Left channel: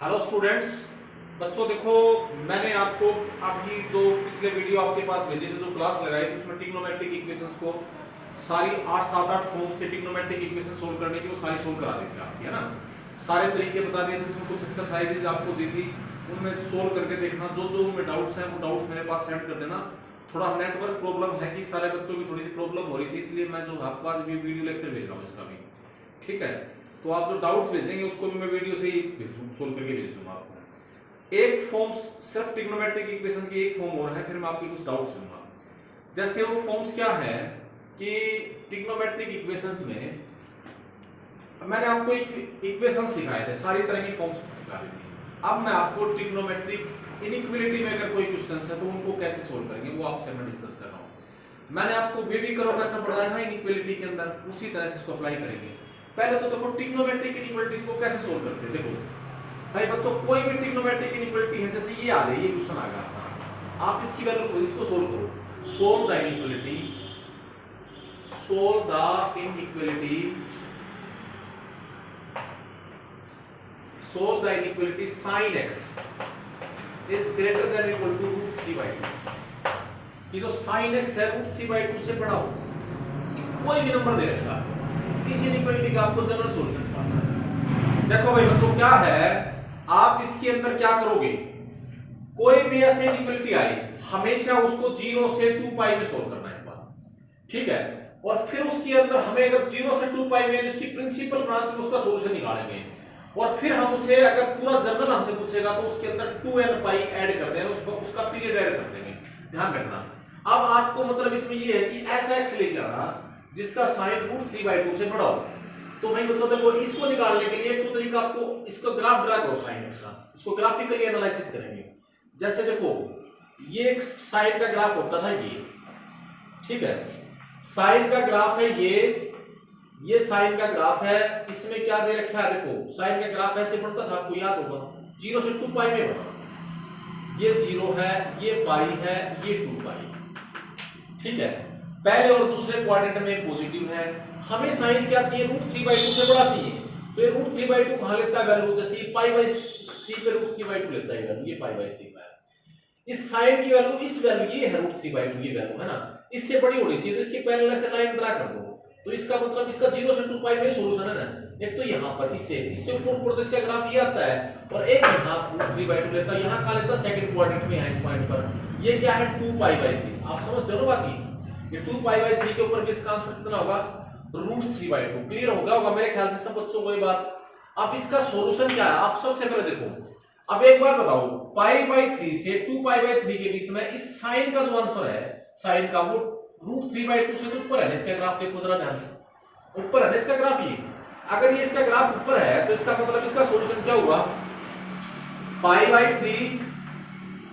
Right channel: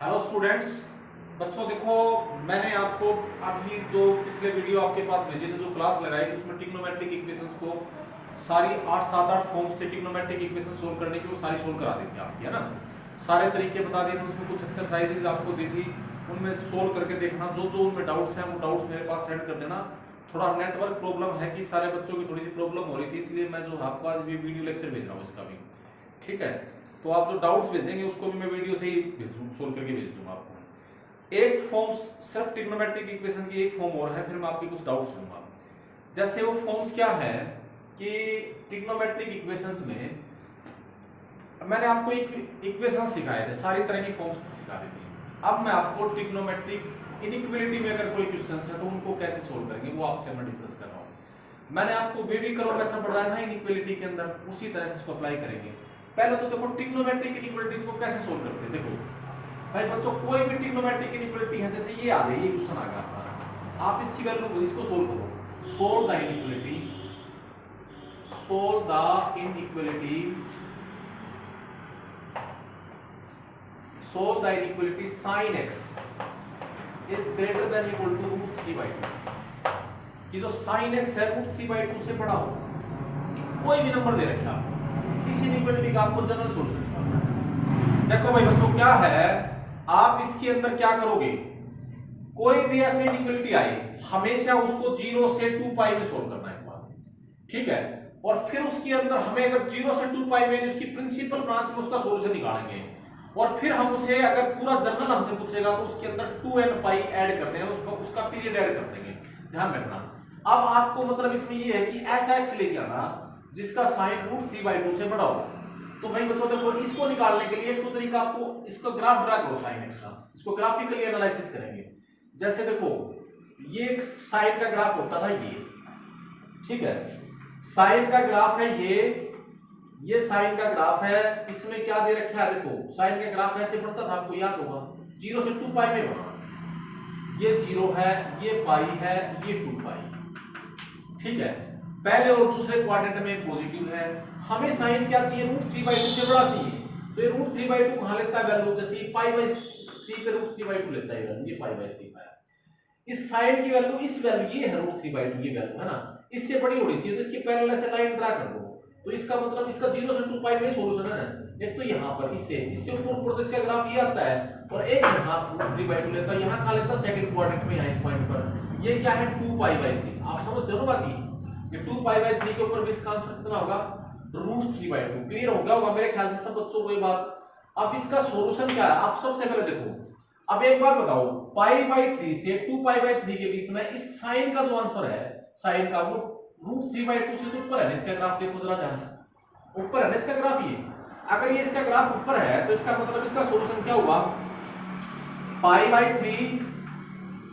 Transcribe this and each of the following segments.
Hello students. बच्चों देखो, मैंने आपको अभी जो पिछले वीडियो आपके पास भेजे से जो क्लास लगाई थी उसमें ट्रिग्नोमेट्रिक इक्वेशंस को सारी 8 7 8 फॉर्म्स से ट्रिग्नोमेट्रिक इक्वेशन सोल्व करने की वो सारी सोल्व करा दी थी आपकी, है ना। सारे तरीके बता दिए थे, उसमें कुछ एक्सरसाइजेज आपको दी थी, उनमें सोल्व करके देखना। जो जो उनमें डाउट्स हैं वो डाउट्स मेरे पास सेंड कर देना। थोड़ा नेटवर्क प्रॉब्लम है कि सारे बच्चों की थोड़ी सी प्रॉब्लम हो रही थी, इसलिए मैं जो आपको आज वीडियो लेक्चर भेज रहा हूँ इसका भी, ठीक है। तो आप जो डाउट्स भेजेंगे उसको भी मैं वीडियो से ही सोल्व करके भेज दूंगा आपको। एक फॉर्म सिर्फ ट्रिग्नोमेट्रिक इक्वेशन की एक फॉर्म और है, फिर मैं आपके कुछ डाउट्स दूंगा। जैसे वो फॉर्म्स क्या है कि ट्रिग्नोमेट्रिक इक्वेशंस में मैंने आपको एक इक्वेशन सिखाए थे, सारी तरह की फॉर्म्स सिखा दी थी। अब मैं आपको ट्रिग्नोमेट्रिक इनइक्वालिटी में अगर कोई क्वेश्चन है तो उनको कैसे सोल्व करेंगे वो आपसे मैं डिस्कस कर रहा हूँ। मैंने आपको वेवी कर्व मेथड पढ़ाया था इनइक्वालिटी के अंदर, उसी तरह से इसको अप्लाई करेंगे। पहले तो देखो ट्रिग्नोमेट्रिक इनइक्वालिटीज को कैसे सोल्व करते हैं। देखो भाई बच्चों, कोई भी ट्रिग्नोमेट्रिक इनइक्वालिटी है, जैसे ये आ गई, ये क्वेश्चन आ गया आपका, आप इसकी वैल्यू इसको सोल्व करो। Solve the inequality, solve the inequality, solve the inequality sin x is greater than equal to √3/2। ये जो sin x है √3/2 से बड़ा हो, कोई भी नंबर दे रखा, इस इनइक्वालिटी का आपको जनरल सॉल्यूशन निकालना है। देखो भाई बच्चों, क्या है, आप इसके अंदर क्या करोगे, कोई भी ऐसी इनइक्वालिटी आए हमेशा उसको 0 से 2 पाई में सोल्व करना है एक बार, ठीक है। और फिर उसके अंदर हमें अगर 0 से 2 पाई में उसकी प्रिंसिपल ब्रांच में उसका सॉल्यूशन निकालेंगे, और फिर हम उसे अगर पूरा जनरल हमसे पूछेगा तो उसके अंदर 2n पाई ऐड करते हैं, उसका पीरियड ऐड कर देंगे, ध्यान रखना। अब आपको मतलब इसमें ये है कि ऐसा x लेके आना जिसका साइन √3/2 से बड़ा हो। तो भाई बच्चों देखो, इसको निकालने के लिए एक तो तरीका, आपको इसको ग्राफ ड्रा करो साइन x का, इसको ग्राफिकली एनालिसिस करेंगे। जैसे देखो, ये एक साइन का ग्राफ होता है ये, ठीक है, साइन का ग्राफ है ये साइन का ग्राफ है। इसमें क्या दे रखा है, देखो साइन का ग्राफ ऐसे बढ़ता था, आपको याद होगा 0 से 2 पाई में बना, ये 0 है, ये पाई है, ये 2 पाई, ठीक है। पहले और दूसरे क्वाड्रेंट में पॉजिटिव है, हमें साइन क्या चाहिए, √3/2 से बड़ा चाहिए। तो ये √3/2 कहां लेता है वैल्यू, जैसे ये π/3 पे √3/2 लेता है वैल्यू, ये π/3 है। इस साइन की वैल्यू, इस वैल्यू ये है √3/2, ये वैल्यू है ना, इससे बड़ी होनी चाहिए, तो इसके पैरेलल से लाइन ड्रा कर दो। तो इसका मतलब इसका 0 से 2 पाई में सॉल्यूशन है ना, एक तो यहां पर इससे ऊपर तो इसका ग्राफ ये आता है, और एक यहां √3/2 लेता है, यहां का लेता है सेकंड क्वाड्रेंट में, यहां इस पॉइंट पर ये क्या है 2π/3। आप समझते हो ना, बाकी ये 2π/3 के ऊपर भी इसका आंसर कितना होगा, √3/2। क्लियर हो गया होगा मेरे ख्याल से सब बच्चों को ये बात। अब इसका सॉल्यूशन क्या है, आप सबसे पहले देखो, अब एक बात बताओ, π/3 से 2π/3 के बीच में इस साइन का जो आंसर है, साइन का वो √3/2 से तो ऊपर है ना। इसका ग्राफ देखो जरा ध्यान से, ऊपर है ना इसका ग्राफ। ये अगर ये इसका ग्राफ ऊपर है तो इसका मतलब इसका सॉल्यूशन क्या हुआ, π/3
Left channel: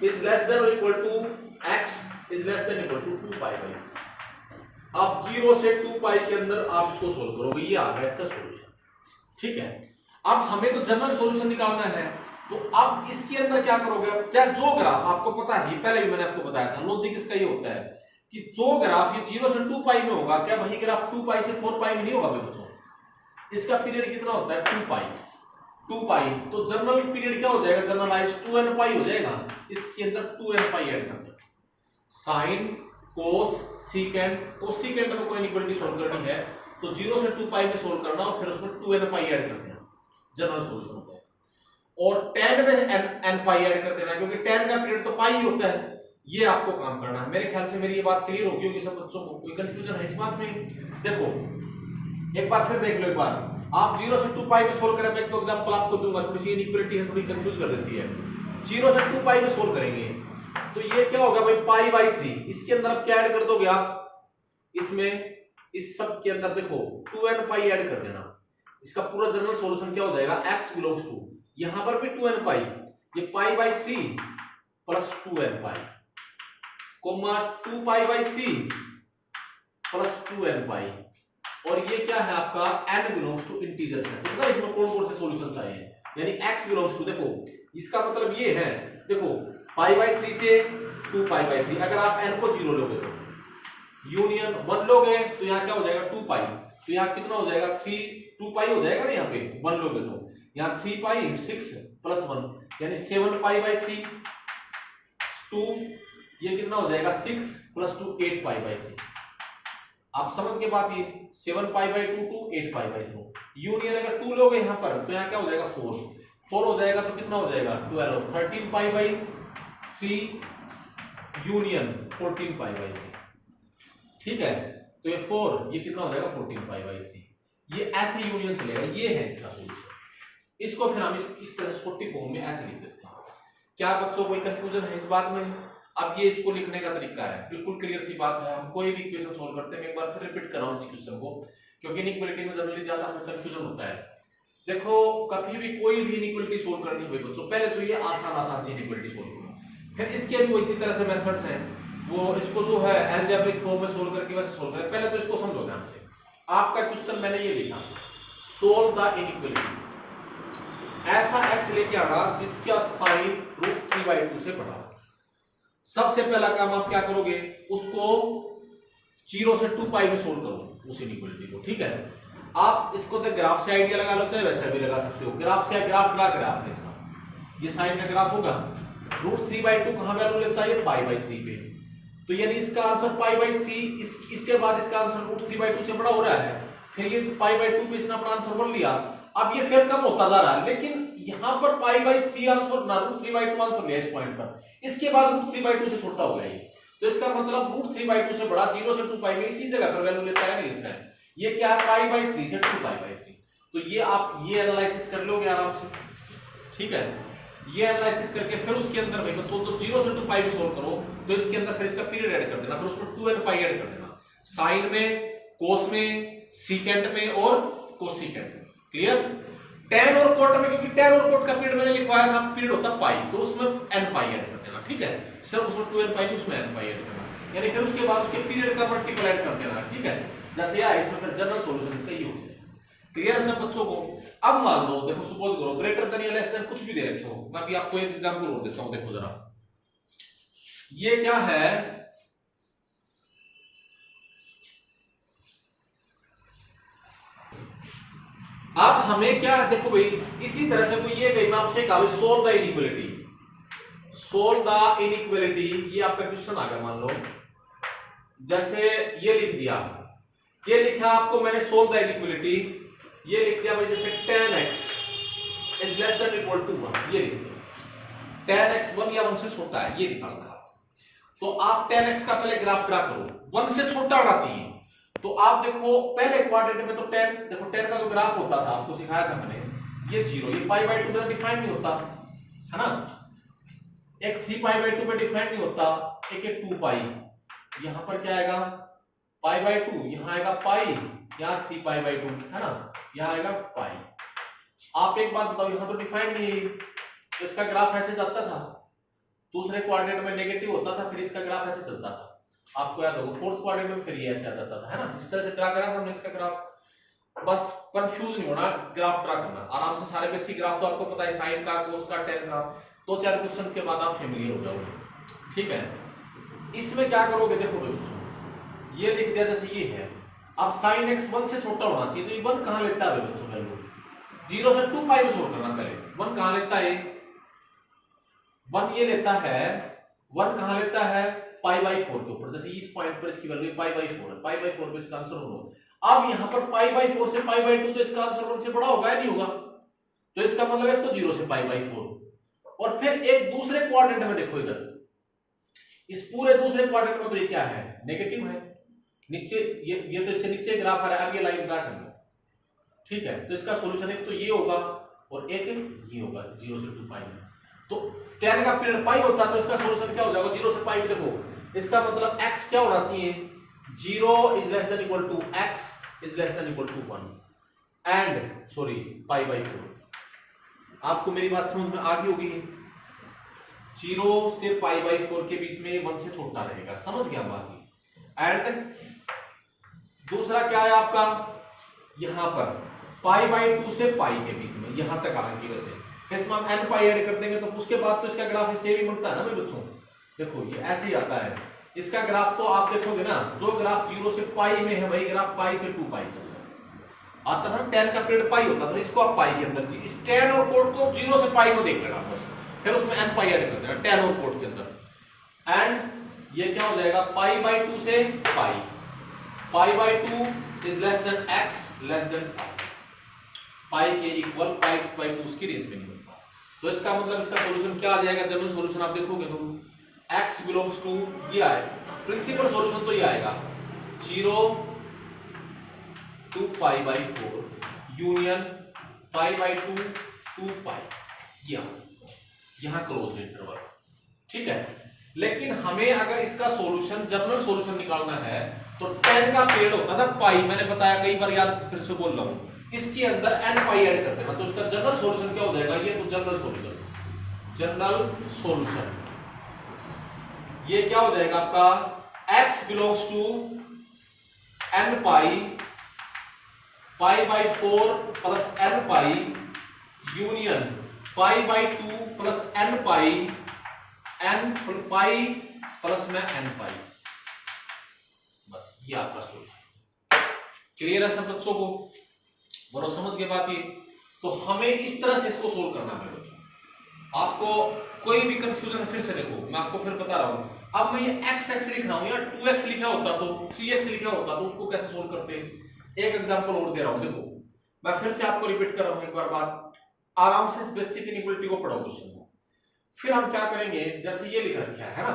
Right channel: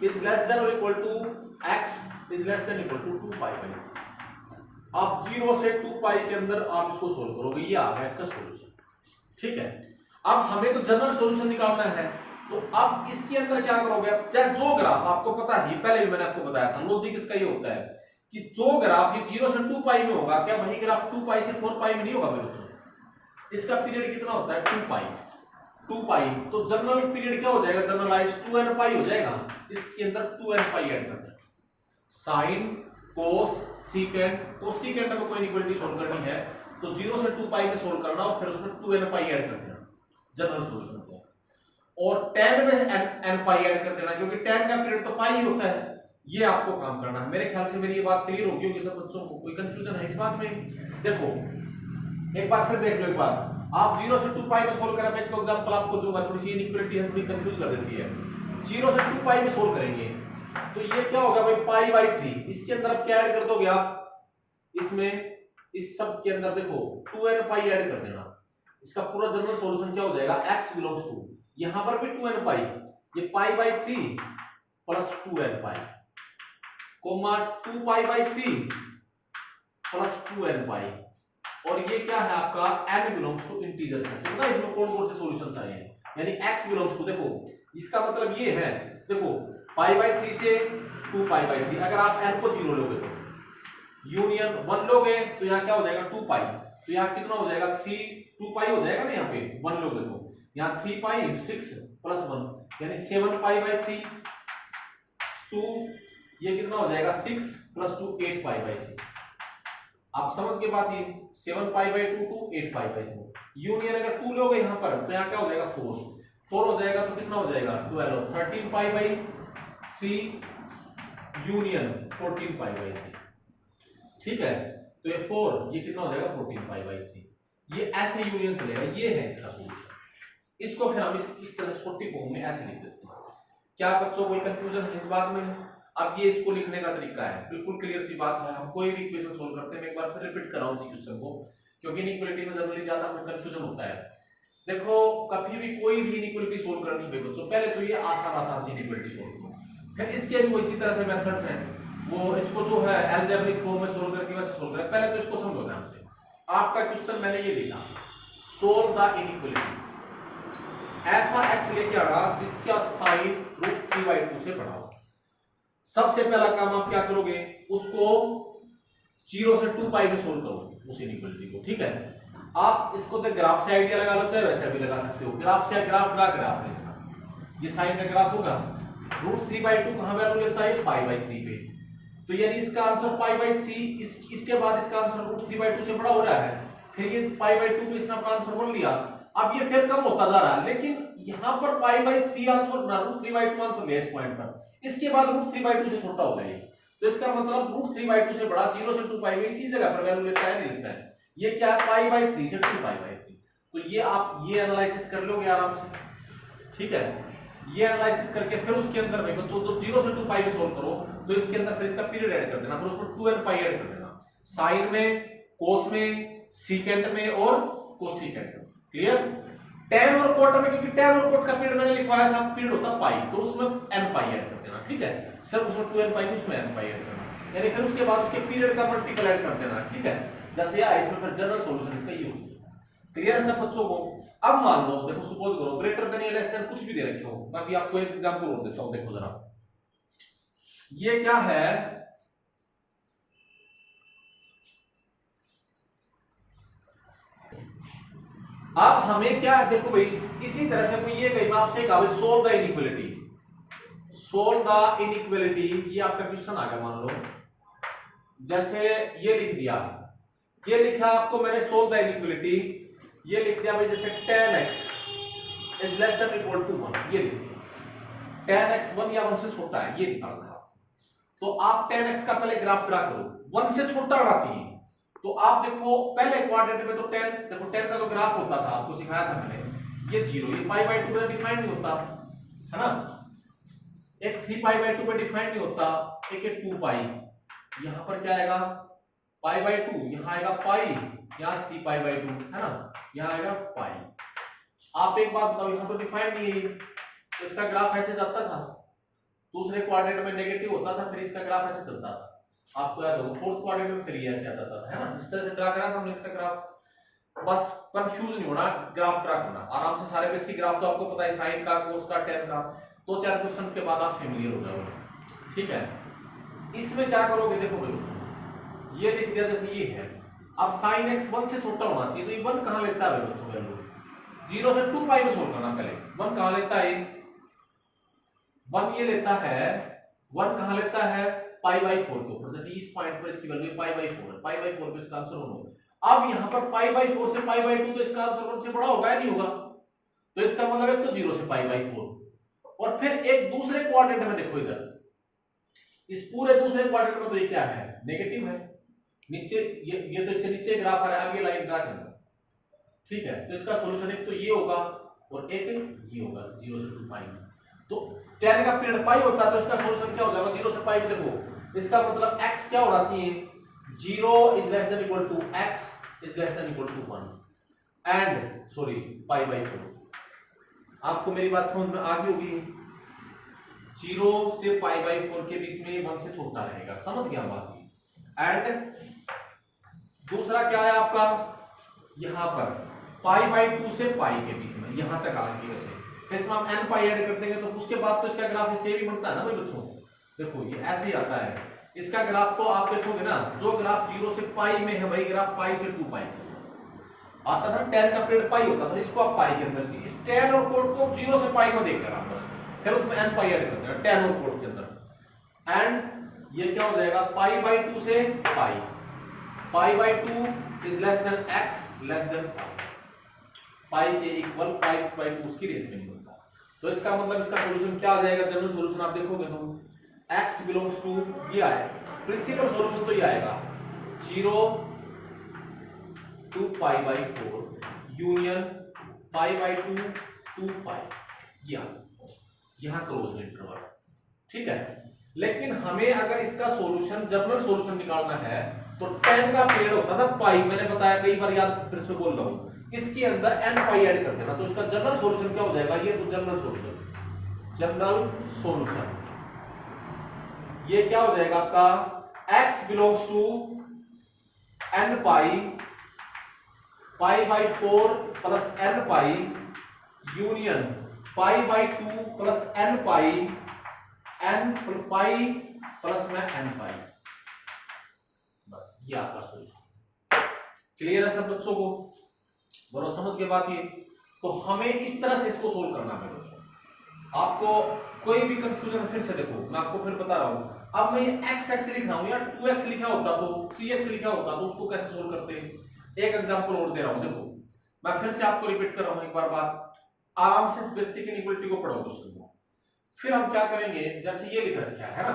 इज लेस देन और equal to x is less than equal to 2π/3। अब 0 से 2 पाई के अंदर आप इसको सोल्व करोगे, ये आ गया इसका सॉल्यूशन, ठीक है। अब हमें तो जनरल सॉल्यूशन निकालना है, तो अब इसके अंदर क्या करोगे, अब चाहे जो ग्राफ आपको पता है, पहले भी मैंने आपको बताया था, लॉजिक इसका ये होता है कि जो ग्राफ ये 0 से 2 पाई में होगा, क्या वही ग्राफ 2 पाई से 4 पाई में नहीं होगा बच्चों। इसका पीरियड कितना होता है 2 पाई, तो जनरल पीरियड क्या हो जाएगा, जनरलाइज 2n पाई हो जाएगा। इसके अंदर 2n पाई ऐड कर दो, साइन कोस सीकेंड, कोसिकेंड में कोई इक्वालिटी सोल्व करनी है तो 0 से 2 पाई में सोल्व करना, और फिर उसमें 2n पाई ऐड कर देना, जनरल सॉल्यूशन होता है। और tan में n पाई ऐड कर देना, क्योंकि tan का पीरियड तो पाई ही होता है। ये आपको काम करना है। मेरे ख्याल से मेरी ये बात क्लियर होगी होगी सब बच्चों को, कोई कंफ्यूजन है इस बात में। देखो एक बार फिर देख लो, एक बार आप 0 से 2 पाई में सोल्व करें, मैं एक तो एग्जांपल आपको दूंगा, थोड़ी सी इनइक्वालिटी है, थोड़ी कंफ्यूज कर देती है। 0 से 2 पाई में सोल्व करेंगे तो ये क्या होगा भाई, π/3, इसके अंदर आप क्या ऐड कर दोगे, आप इसमें इस सब के अंदर देखो 2n पाई ऐड कर देना, इसका पूरा जनरल सॉल्यूशन क्या हो जाएगा, x बिलोंग्स टू, यहां पर भी 2n पाई, ये π/3 प्लस 2n पाई, कोमा 2π/3 प्लस 2n पाई, और ये क्या है आपका n बिलोंग्स टू इंटीजर्स है। तो इसमें कौन कौन से सॉल्यूशंस आए हैं, यानी x बिलोंग्स टू, देखो इसका मतलब ये है, देखो π/3 से 2π/3, अगर आप n को 0 लोगे तो यूनियन 1 लोगे तो यहाँ क्या हो जाएगा 2 पाई, तो यहाँ कितना हो जाएगा 2 पाई हो जाएगा ना, यहाँ पे 1 लोगे तो यहाँ 3 पाई 6 प्लस 1 यानी 7 पाई बाई 3 2, ये कितना हो जाएगा 6 प्लस 2 8 पाई बाई 3। आप समझ के बात, ये 7 pi by 2 to 8 pi by 2 union अगर 2 लोगे यहाँ पर तो यहाँ क्या हो जाएगा 4 हो जाएगा तो कितना हो जाएगा 12 13 पाई बाई 3 यूनियन 14 पाई बाई 3। ठीक है, तो ये 4 ये कितना हो जाएगा 14 पाई बाई 3। ये ऐसे यूनियन चलेगा, ये है इसका सोल्यूशन। इसको फिर हम इस तरह से छोटी फॉर्म में ऐसे लिख देते हैं। क्या बच्चों कोई कंफ्यूजन है इस बात में? अब ये इसको लिखने का तरीका है, बिल्कुल क्लियर सी बात है। हम कोई भी इक्वेशन सोल्व करते हैं, मैं एक बार फिर रिपीट कर रहा हूं इस क्वेश्चन को, क्योंकि इनइक्वालिटी में जनरली ज्यादा हमें कंफ्यूजन होता है। देखो कभी भी कोई भी इनइक्वालिटी सोल्व करनी है बच्चों, पहले तो ये आसान सी इनइक्वालिटी सोल्व करो, फिर इसके भी इसी तरह से मेथड्स हैं, वो इसको जो है अलजेब्रिक फॉर्म में सोल्व करके वैसे सोल्व करें। पहले तो इसको समझो ध्यान से। आपका क्वेश्चन मैंने ये लिखा, सोल्व द इनइक्वालिटी, ऐसा x लेके आना जिसका साइन √3/2 से बड़ा हो। सबसे पहला काम आप क्या करोगे, उसको 0 से 2 पाई में सोल्व करो उस इनइक्वालिटी को। ठीक है, आप इसको चाहे ग्राफ से आइडिया लगा लो, चाहे वैसे भी लगा सकते हो। ग्राफ से ग्राफ ड्रा करा आपने इसका, ये साइन का ग्राफ होगा, √3/2 कहां वैल्यू लेता है, π/3 पे, तो यानी इसका आंसर π/3। इसके बाद इसका आंसर √3/2 से बड़ा हो रहा है, फिर ये π/2 पे इसने अपना आंसर बन लिया। अब ये फिर कम होता जा रहा है, लेकिन यहां पर π/3 आंसर ना √3/2 आंसर लिया इस पॉइंट पर, इसके बाद √3/2 से छोटा हो गया ये, तो इसका मतलब √3/2 से बड़ा 0 से 2 पाई में इसी जगह पर वैल्यू लेता है, नहीं लेता है। ये क्या π/3 से 2 π/3, तो ये आप ये एनालिसिस कर लोगे आराम से। ठीक है, ये एनालिसिस करके फिर उसके अंदर भाई बच्चों जब 0 से 2 पाई में सोल्व करो तो इसके अंदर फिर इसका पीरियड ऐड कर देना, फिर उसमें 2n पाई ऐड कर देना, साइन में, कोस में, सीकेंट में और कोसिकेंट में। क्लियर? tan और कोट में, क्योंकि tan और कोट का पीरियड मैंने लिखवाया था, पीरियड होता पाई, तो उसमें n पाई ऐड कर देना। ठीक है, सिर्फ उसमें 2n पाई उसमें n पाई ऐड करना, यानी फिर उसके बाद उसके पीरियड का मल्टीपल ऐड कर देना। ठीक है, जैसे आया इसमें फिर जनरल सॉल्यूशन इसका ये हो जाएगा। क्लियर है सब बच्चों को? अब मान लो, देखो सपोज करो ग्रेटर देन या लेस देन कुछ भी दे रखे हो, मैं अभी आपको एक एग्जांपल और देता हूं, देखो जरा। ये क्या है, अब हमें क्या देखो भाई, इसी तरह से कोई ये कहीं मैं आपसे कहा solve the inequality, solve the inequality, ये आपका क्वेश्चन आ गया। मान लो जैसे ये लिख दिया, ये लिखा आपको मैंने सोल्व द इनइक्वालिटी, ये लिख दिया भाई जैसे tan x is less than equal to 1, ये लिख दिया tan x 1 या 1 से छोटा है, ये निकालना है। तो आप tan x का पहले ग्राफ ड्रा करो, 1 से छोटा होना चाहिए। तो आप देखो पहले क्वाड्रेंट में तो tan, देखो tan का जो ग्राफ होता था आपको सिखाया था मैंने, ये 0, ये π/2 में डिफाइन नहीं होता है ना, एक 3 π/2 में डिफाइन नहीं होता, एक 2 पाई, यहां पर क्या आएगा π/2, यहां आएगा पाई, यहां 3 π/2 है ना, यहां आएगा पाई। आप एक बात बताओ, यहां तो डिफाइन नहीं है, तो इसका ग्राफ ऐसे जाता था, दूसरे क्वाड्रेंट में नेगेटिव होता था, फिर इसका ग्राफ ऐसे चलता था। आपको याद होगा फोर्थ क्वाड्रेंट में फिर ये ऐसे आ जाता था, है ना, इस तरह से ड्रा करा था हमने इसका ग्राफ। बस कंफ्यूज नहीं होना, ग्राफ ड्रा करना आराम से, सारे बेसिक ग्राफ तो आपको पता है, साइन का, कोस का, tan का, 2-4 क्वेश्चन के बाद आप फेमिलियर हो जाओगे। ठीक है, इसमें क्या करोगे, देखो बच्चों ये लिख दिया जैसे ये है, अब sin x 1 से छोटा होना चाहिए, तो ये 1 कहां लेता है बच्चों वैल्यू, 0 से 2 पाई में सोल्व करना। पहले 1 कहां लेता है, 1 ये लेता है, 1 कहां लेता है π/4 के ऊपर, जैसे इस पॉइंट पर इसकी वैल्यू π/4 है, π/4 पे इसका आंसर 1 होगा। अब यहां पर π/4 से π/2, तो इसका आंसर 1 से बड़ा होगा या नहीं होगा, तो इसका मतलब है तो 0 से π/4, और फिर एक दूसरे क्वाड्रेंट में देखो, इधर इस पूरे दूसरे क्वाड्रेंट में तो ये क्या है, नेगेटिव है, नीचे ये तो इससे नीचे ग्राफ आ रहा है, अब ये लाइन ड्रा करना। ठीक है, तो इसका सॉल्यूशन एक तो ये होगा और एक ये होगा 0 से 2 पाई में। तो tan का पीरियड पाई होता है, तो इसका सॉल्यूशन क्या हो जाएगा 0 से पाई में। देखो इसका मतलब x क्या होना चाहिए, 0 is less than equal to x is less than equal to 1 and sorry π/4। आपको मेरी बात समझ में आ गई होगी, 0 से π/4 के बीच में 1 से छोटा रहेगा, समझ गया बात। एंड दूसरा क्या है आपका, यहां पर π/2 से पाई के बीच में, यहां तक आने की वजह से फिर इसमें हम n पाई ऐड कर देंगे, तो उसके बाद तो इसका ग्राफ इससे भी बनता है ना भाई बच्चों। देखो ये ऐसे ही आता है, इसका ग्राफ तो आप देखोगे ना, जो ग्राफ 0 से पाई में है वही ग्राफ पाई से 2 पाई, आता था tan का पीरियड पाई होता था, इसको आप पाई के अंदर इस tan और कोट को 0 से पाई में देख लेना बस, फिर उसमें n पाई ऐड कर देना tan और कोट के अंदर, एंड ये क्या हो जाएगा पाई बाई 2 से pi by 2 is less than x less than pi के इक्वल पाई बाई 2 उसकी रेंज में नहीं होता। तो इसका मतलब इसका सॉल्यूशन क्या आ जाएगा, जनरल सॉल्यूशन आप देखोगे तो x बिलोंग्स टू ये आएगा, प्रिंसिपल सॉल्यूशन तो ये आएगा 0 to pi by 4 union pi by 2 to pi, यहां क्लोज इंटरवल, ठीक है। लेकिन हमें अगर इसका सॉल्यूशन जनरल सॉल्यूशन निकालना है तो tan का पीरियड होता था पाई, मैंने बताया कई बार, याद फिर से बोल रहा हूं, इसके अंदर n पाई ऐड कर देना, तो इसका जनरल सॉल्यूशन क्या हो जाएगा, ये तो जनरल सॉल्यूशन ये क्या हो जाएगा आपका x belongs to n pi pi by 4 plus n pi union pi by 2 plus n pi n pi plus में n पाई, बस ये आपका सॉल्यूशन। क्लियर है सब बच्चों को, बोलो समझ के बात ये। तो हमें इस तरह से इसको सोल्व करना है बच्चों, आपको कोई भी कंफ्यूजन फिर से देखो, मैं आपको फिर बता रहा हूं, अब मैं ये x लिख रहा हूं या 2x लिखा होता तो 3x लिखा होता तो उसको कैसे सोल्व करते हैं। एक एग्जांपल और दे रहा हूं, देखो मैं फिर से आपको रिपीट कर रहा हूं एक बार बात, आराम से बेसिक इनइक्वालिटी को पढ़ो क्वेश्चन को। फिर हम क्या करेंगे, जैसे ये लिख रखा है ना,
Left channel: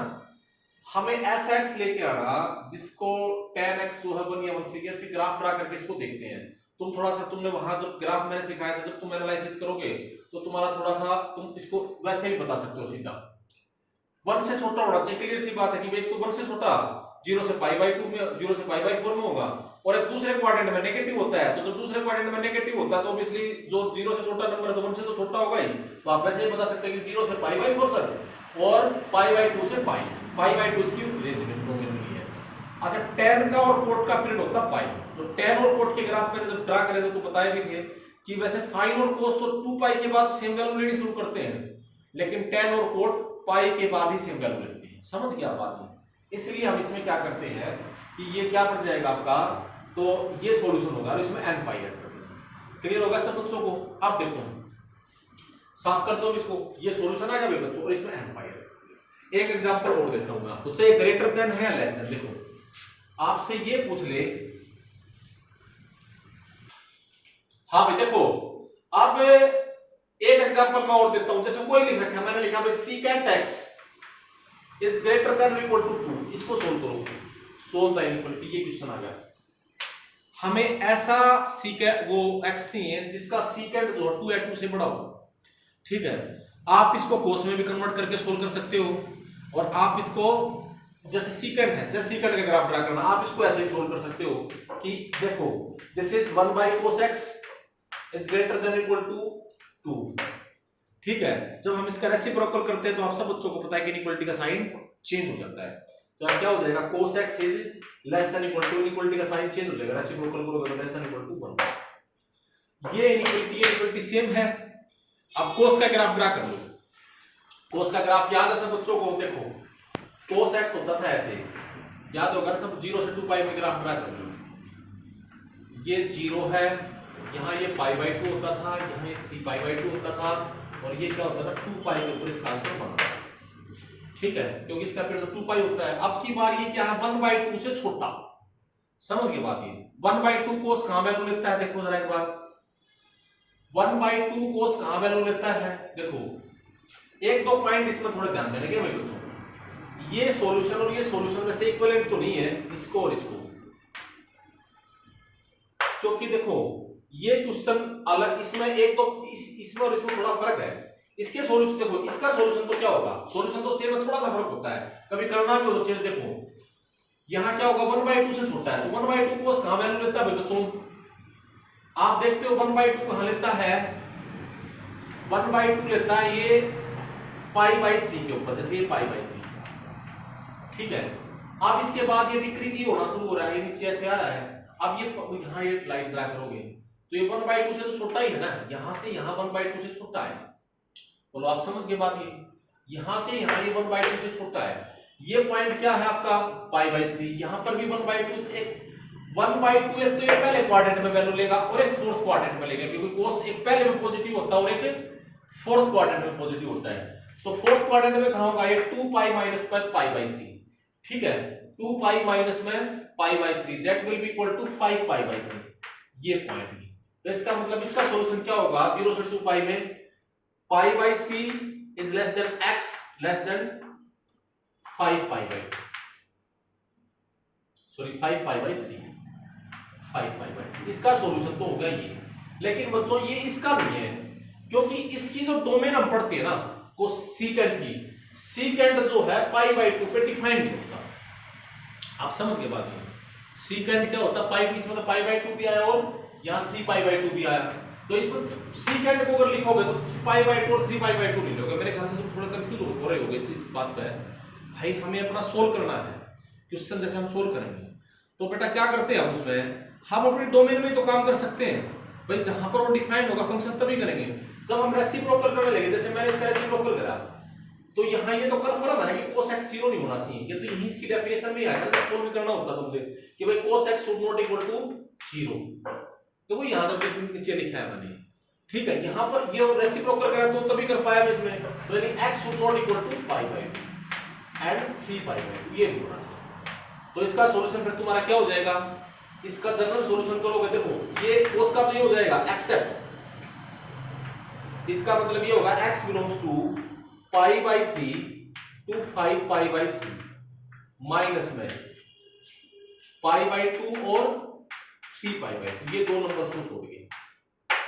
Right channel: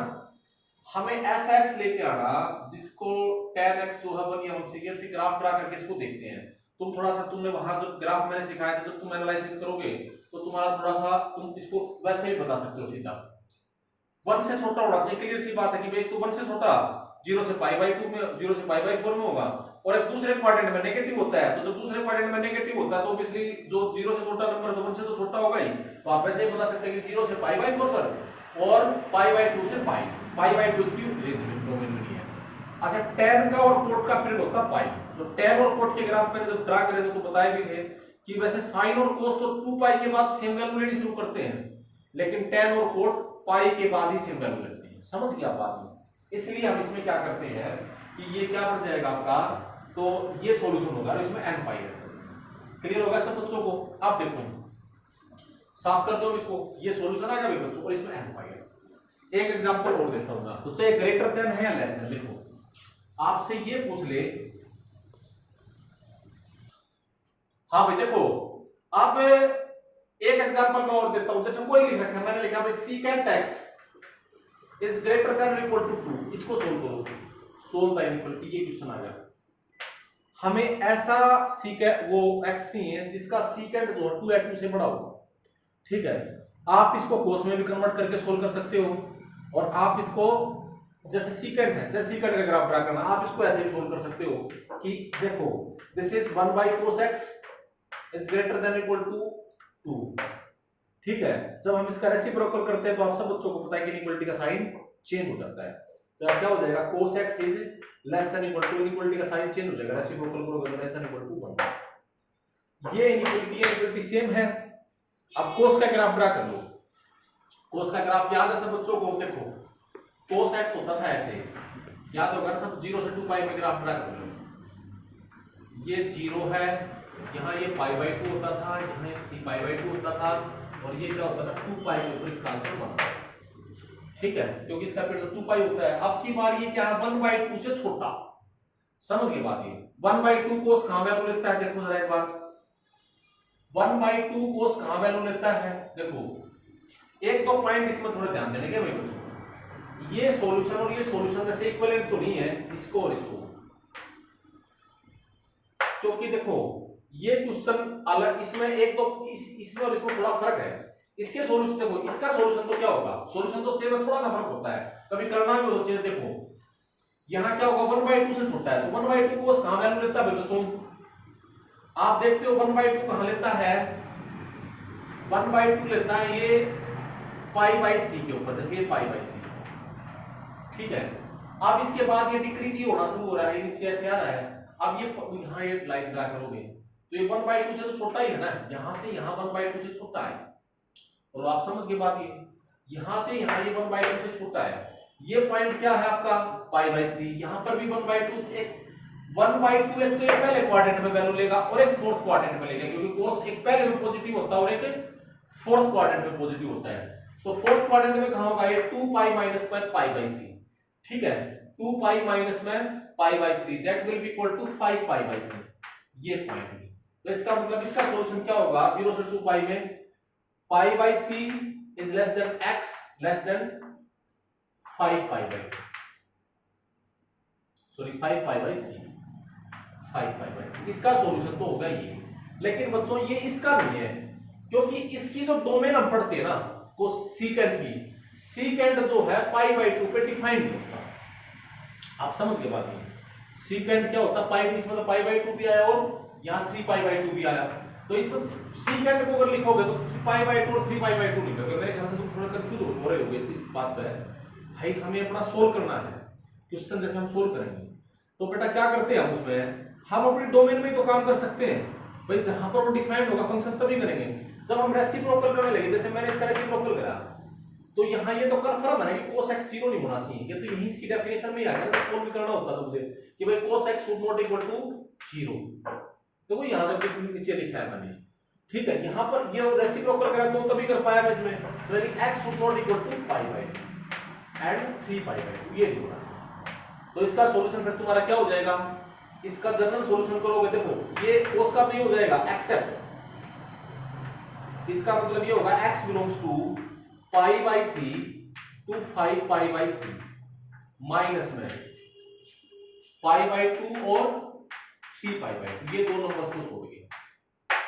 हमें ऐसा x लेके आना जिसको tan x जो है 1 या 1 से ऐसे ग्राफ ड्रा करके इसको देखते हैं। तुम थोड़ा सा, तुमने वहां जब ग्राफ मैंने सिखाया था, जब तुम एनालिसिस करोगे तो तुम्हारा थोड़ा सा तुम इसको वैसे ही बता सकते हो सीधा, 1 से छोटा होना चाहिए, क्लियर सी बात है कि भाई तो 1 से छोटा 0 से पाई बाई 2 में 0 से पाई बाई 4 में होगा, और एक दूसरे क्वाड्रेंट में नेगेटिव होता है, तो जब दूसरे क्वाड्रेंट में नेगेटिव होता है तो ऑब्वियसली जो 0 से छोटा नंबर है तो 1 से तो छोटा होगा ही, तो आप वैसे ही बता सकते हैं कि 0 से पाई बाई 4 सर, और पाई बाई 2 से पाई बाई 2 इसकी रेंज में डोमेन में है। अच्छा, tan का और कोट का पीरियड होता है पाई, जो tan और कोट के ग्राफ मैंने जब ड्रा करे थे तो बताए भी थे कि वैसे साइन और कोस तो 2 पाई के बाद सेम वैल्यू लेनी शुरू करते हैं, लेकिन tan और कोट पाई के बाद ही सेम वैल्यू लेते हैं, समझ गया बात है। इसलिए हम इसमें क्या करते हैं कि ये क्या बन जाएगा आपका, तो ये सॉल्यूशन होगा और इसमें n पाई ऐड कर देंगे। क्लियर होगा सब बच्चों को, आप देखो साफ कर दो इसको, ये सॉल्यूशन आ जाएगा बच्चों और इसमें n पाई ऐड। एक एग्जांपल और देता हूं मैं आपको, तो ये ग्रेटर देन है या लेस देन, देखो आपसे ये पूछ ले, हाँ भाई देखो अब एक एग्जांपल मैं और देता हूं, जैसे कोई लिख रखा है, मैंने लिखा भाई secant x is greater than और इक्वल टू 2, इसको सोल्व करो, सोल्व द इनइक्वालिटी, ये क्वेश्चन आ गया। हमें ऐसा secant वो x है जिसका secant जो 2 या 2 से बड़ा हो, ठीक है, आप इसको कोस में भी कन्वर्ट करके सोल्व कर सकते हो, और आप इसको जैसे secant है, जैसे secant का ग्राफ ड्रा करना, आप इसको ऐसे भी सोल्व कर सकते हो कि देखो this is 1 by cos x is greater than equal to 2, ठीक है। जब हम इसका रेसिप्रोकल करते हैं तो आप सब बच्चों को पता है कि इनइक्वालिटी का साइन चेंज हो जाता है, तो अब क्या हो जाएगा cos x is less than equal to, inequality का साइन चेंज हो जाएगा, रेसिप्रोकल करोगे तो लेस देन इक्वल टू 1, ये इनइक्वालिटी सेम है। अब cos का ग्राफ ड्रा कर लो, cos का ग्राफ याद है सब बच्चों को, देखो cos x होता था ऐसे, याद होगा सब 0 से 2 पाई में ग्राफ ड्रा कर लो, ये 0 है, यहाँ ये पाई बाई 2 होता था, यहाँ ये 3 पाई बाई 2 होता था, और ये क्या होता था 2 पाई के ऊपर इसका आंसर बनता है, ठीक है, क्योंकि इसका पीरियड तो 2 पाई होता है। अब की बार ये क्या है 1 बाई 2 से छोटा, समझ के बात, ये 1 बाई 2 कोस कहां वैल्यू लेता है, देखो जरा एक बार 1 बाई 2 कोस कहां वैल्यू लेता है, देखो एक दो पॉइंट इसमें थोड़े ध्यान देने के भाई बच्चों, ये सॉल्यूशन और ये सॉल्यूशन में से इक्विवेलेंट तो नहीं है इसको और इसको, क्योंकि देखो ये क्वेश्चन अलग, इसमें एक तो इसमें और इसमें थोड़ा फर्क है, इसके सॉल्यूशन देखो, इसका सॉल्यूशन तो क्या होगा, सॉल्यूशन तो सेम है, थोड़ा सा फर्क होता है, कभी करना भी हो चीज, देखो यहाँ क्या होगा 1 बाई 2 से छोटा है, तो 1 बाई 2 कोस कहां वैल्यू लेता है बच्चों, आप देखते हो 1 बाई 2 कहां लेता है, 1 बाई 2 लेता है ये पाई बाई 3 के ऊपर, जैसे ये पाई बाई 3, ठीक है। अब इसके बाद ये डिक्रीज ही होना शुरू हो रहा है, ये नीचे ऐसे आ रहा है, अब ये यहाँ ये लाइन ड्रा करोगे तो ये 1 बाई 2 से तो छोटा ही है ना, यहाँ से यहाँ 1 बाई 2 से छोटा है, बोलो आप समझ के बात, ये यहाँ से यहाँ ये 1 बाई 2 से छोटा है, ये पॉइंट क्या है आपका पाई बाई 3, यहाँ पर भी 1 बाई 2, 1/2 एक तो ये पहले क्वाड्रेंट में वैल्यू लेगा और एक फोर्थ क्वाड्रेंट में लेगा, क्योंकि cos एक पहले में पॉजिटिव होता है और एक फोर्थ क्वाड्रेंट में पॉजिटिव होता है। तो फोर्थ क्वाड्रेंट में कहां होगा ये 2 पाई माइनस पर पाई बाई 3, ठीक है, 2 पाई माइनस में pi by 3 that will be equal to 5 pi by 3, ये पॉइंट है। तो इसका मतलब इसका सॉल्यूशन क्या होगा, 0 से 2 पाई में pi by 3 is less than x less then 5 pi by, sorry 5 pi by 3, 5 pi by 3, इसका सॉल्यूशन तो होगा ये। लेकिन बच्चों ये इसका नहीं है, क्योंकि इसकी जो डोमेन हम पढ़ते हैं ना को सीकेंट की, सीकेंट जो है पाई बाई 2 पे डिफाइंड नहीं होता। आप समझ गए बात ये, सीकेंट क्या होता है, पाई इसमें तो पाई बाई 2 भी आया और यहाँ 3 पाई बाई 2 भी आया, तो इसमें सीकेंट को अगर लिखोगे तो 3 पाई बाई 2 और 3 पाई बाई 2 नहीं लिखोगे। मेरे ख्याल से तुम थोड़ा कंफ्यूज हो रहे होगे इस बात पे। भाई हमें अपना सोल्व करना है क्वेश्चन, जैसे हम सोल्व करेंगे तो बेटा क्या करते हैं हम उसमें, हम अपनी डोमेन में तो काम कर सकते हैं भाई, जहां पर वो डिफाइंड होगा फंक्शन तभी करेंगे जब हम रेसिप्रोकल करने लगे। जैसे मैंने इसका रेसिप्रोकल करा तो यहाँ ये तो कंफर्म है ना कि cos x 0 नहीं होना चाहिए, ये तो यही इसकी डेफिनेशन में ही आएगा ना, सोल्व भी करना होता तो मुझे कि भाई cos x should not equal to 0, देखो यहाँ तक नीचे लिखा है मैंने, ठीक है। यहाँ पर ये रेसिप्रोकल करा तो तभी कर पाया मैं इसमें, तो यानी x should not equal to pi by 2 and 3 pi by 2, ये नहीं होना चाहिए। तो इसका सॉल्यूशन फिर तुम्हारा क्या हो जाएगा, इसका जनरल सॉल्यूशन करोगे, देखो ये cos का तो ये हो जाएगा एक्सेप्ट, इसका मतलब ये होगा x belongs to pi by 3 to 5 pi by 3 minus में पाई बाई 2 और 3 पाई बाई 2, ये दो नंबर्स को छोड़ के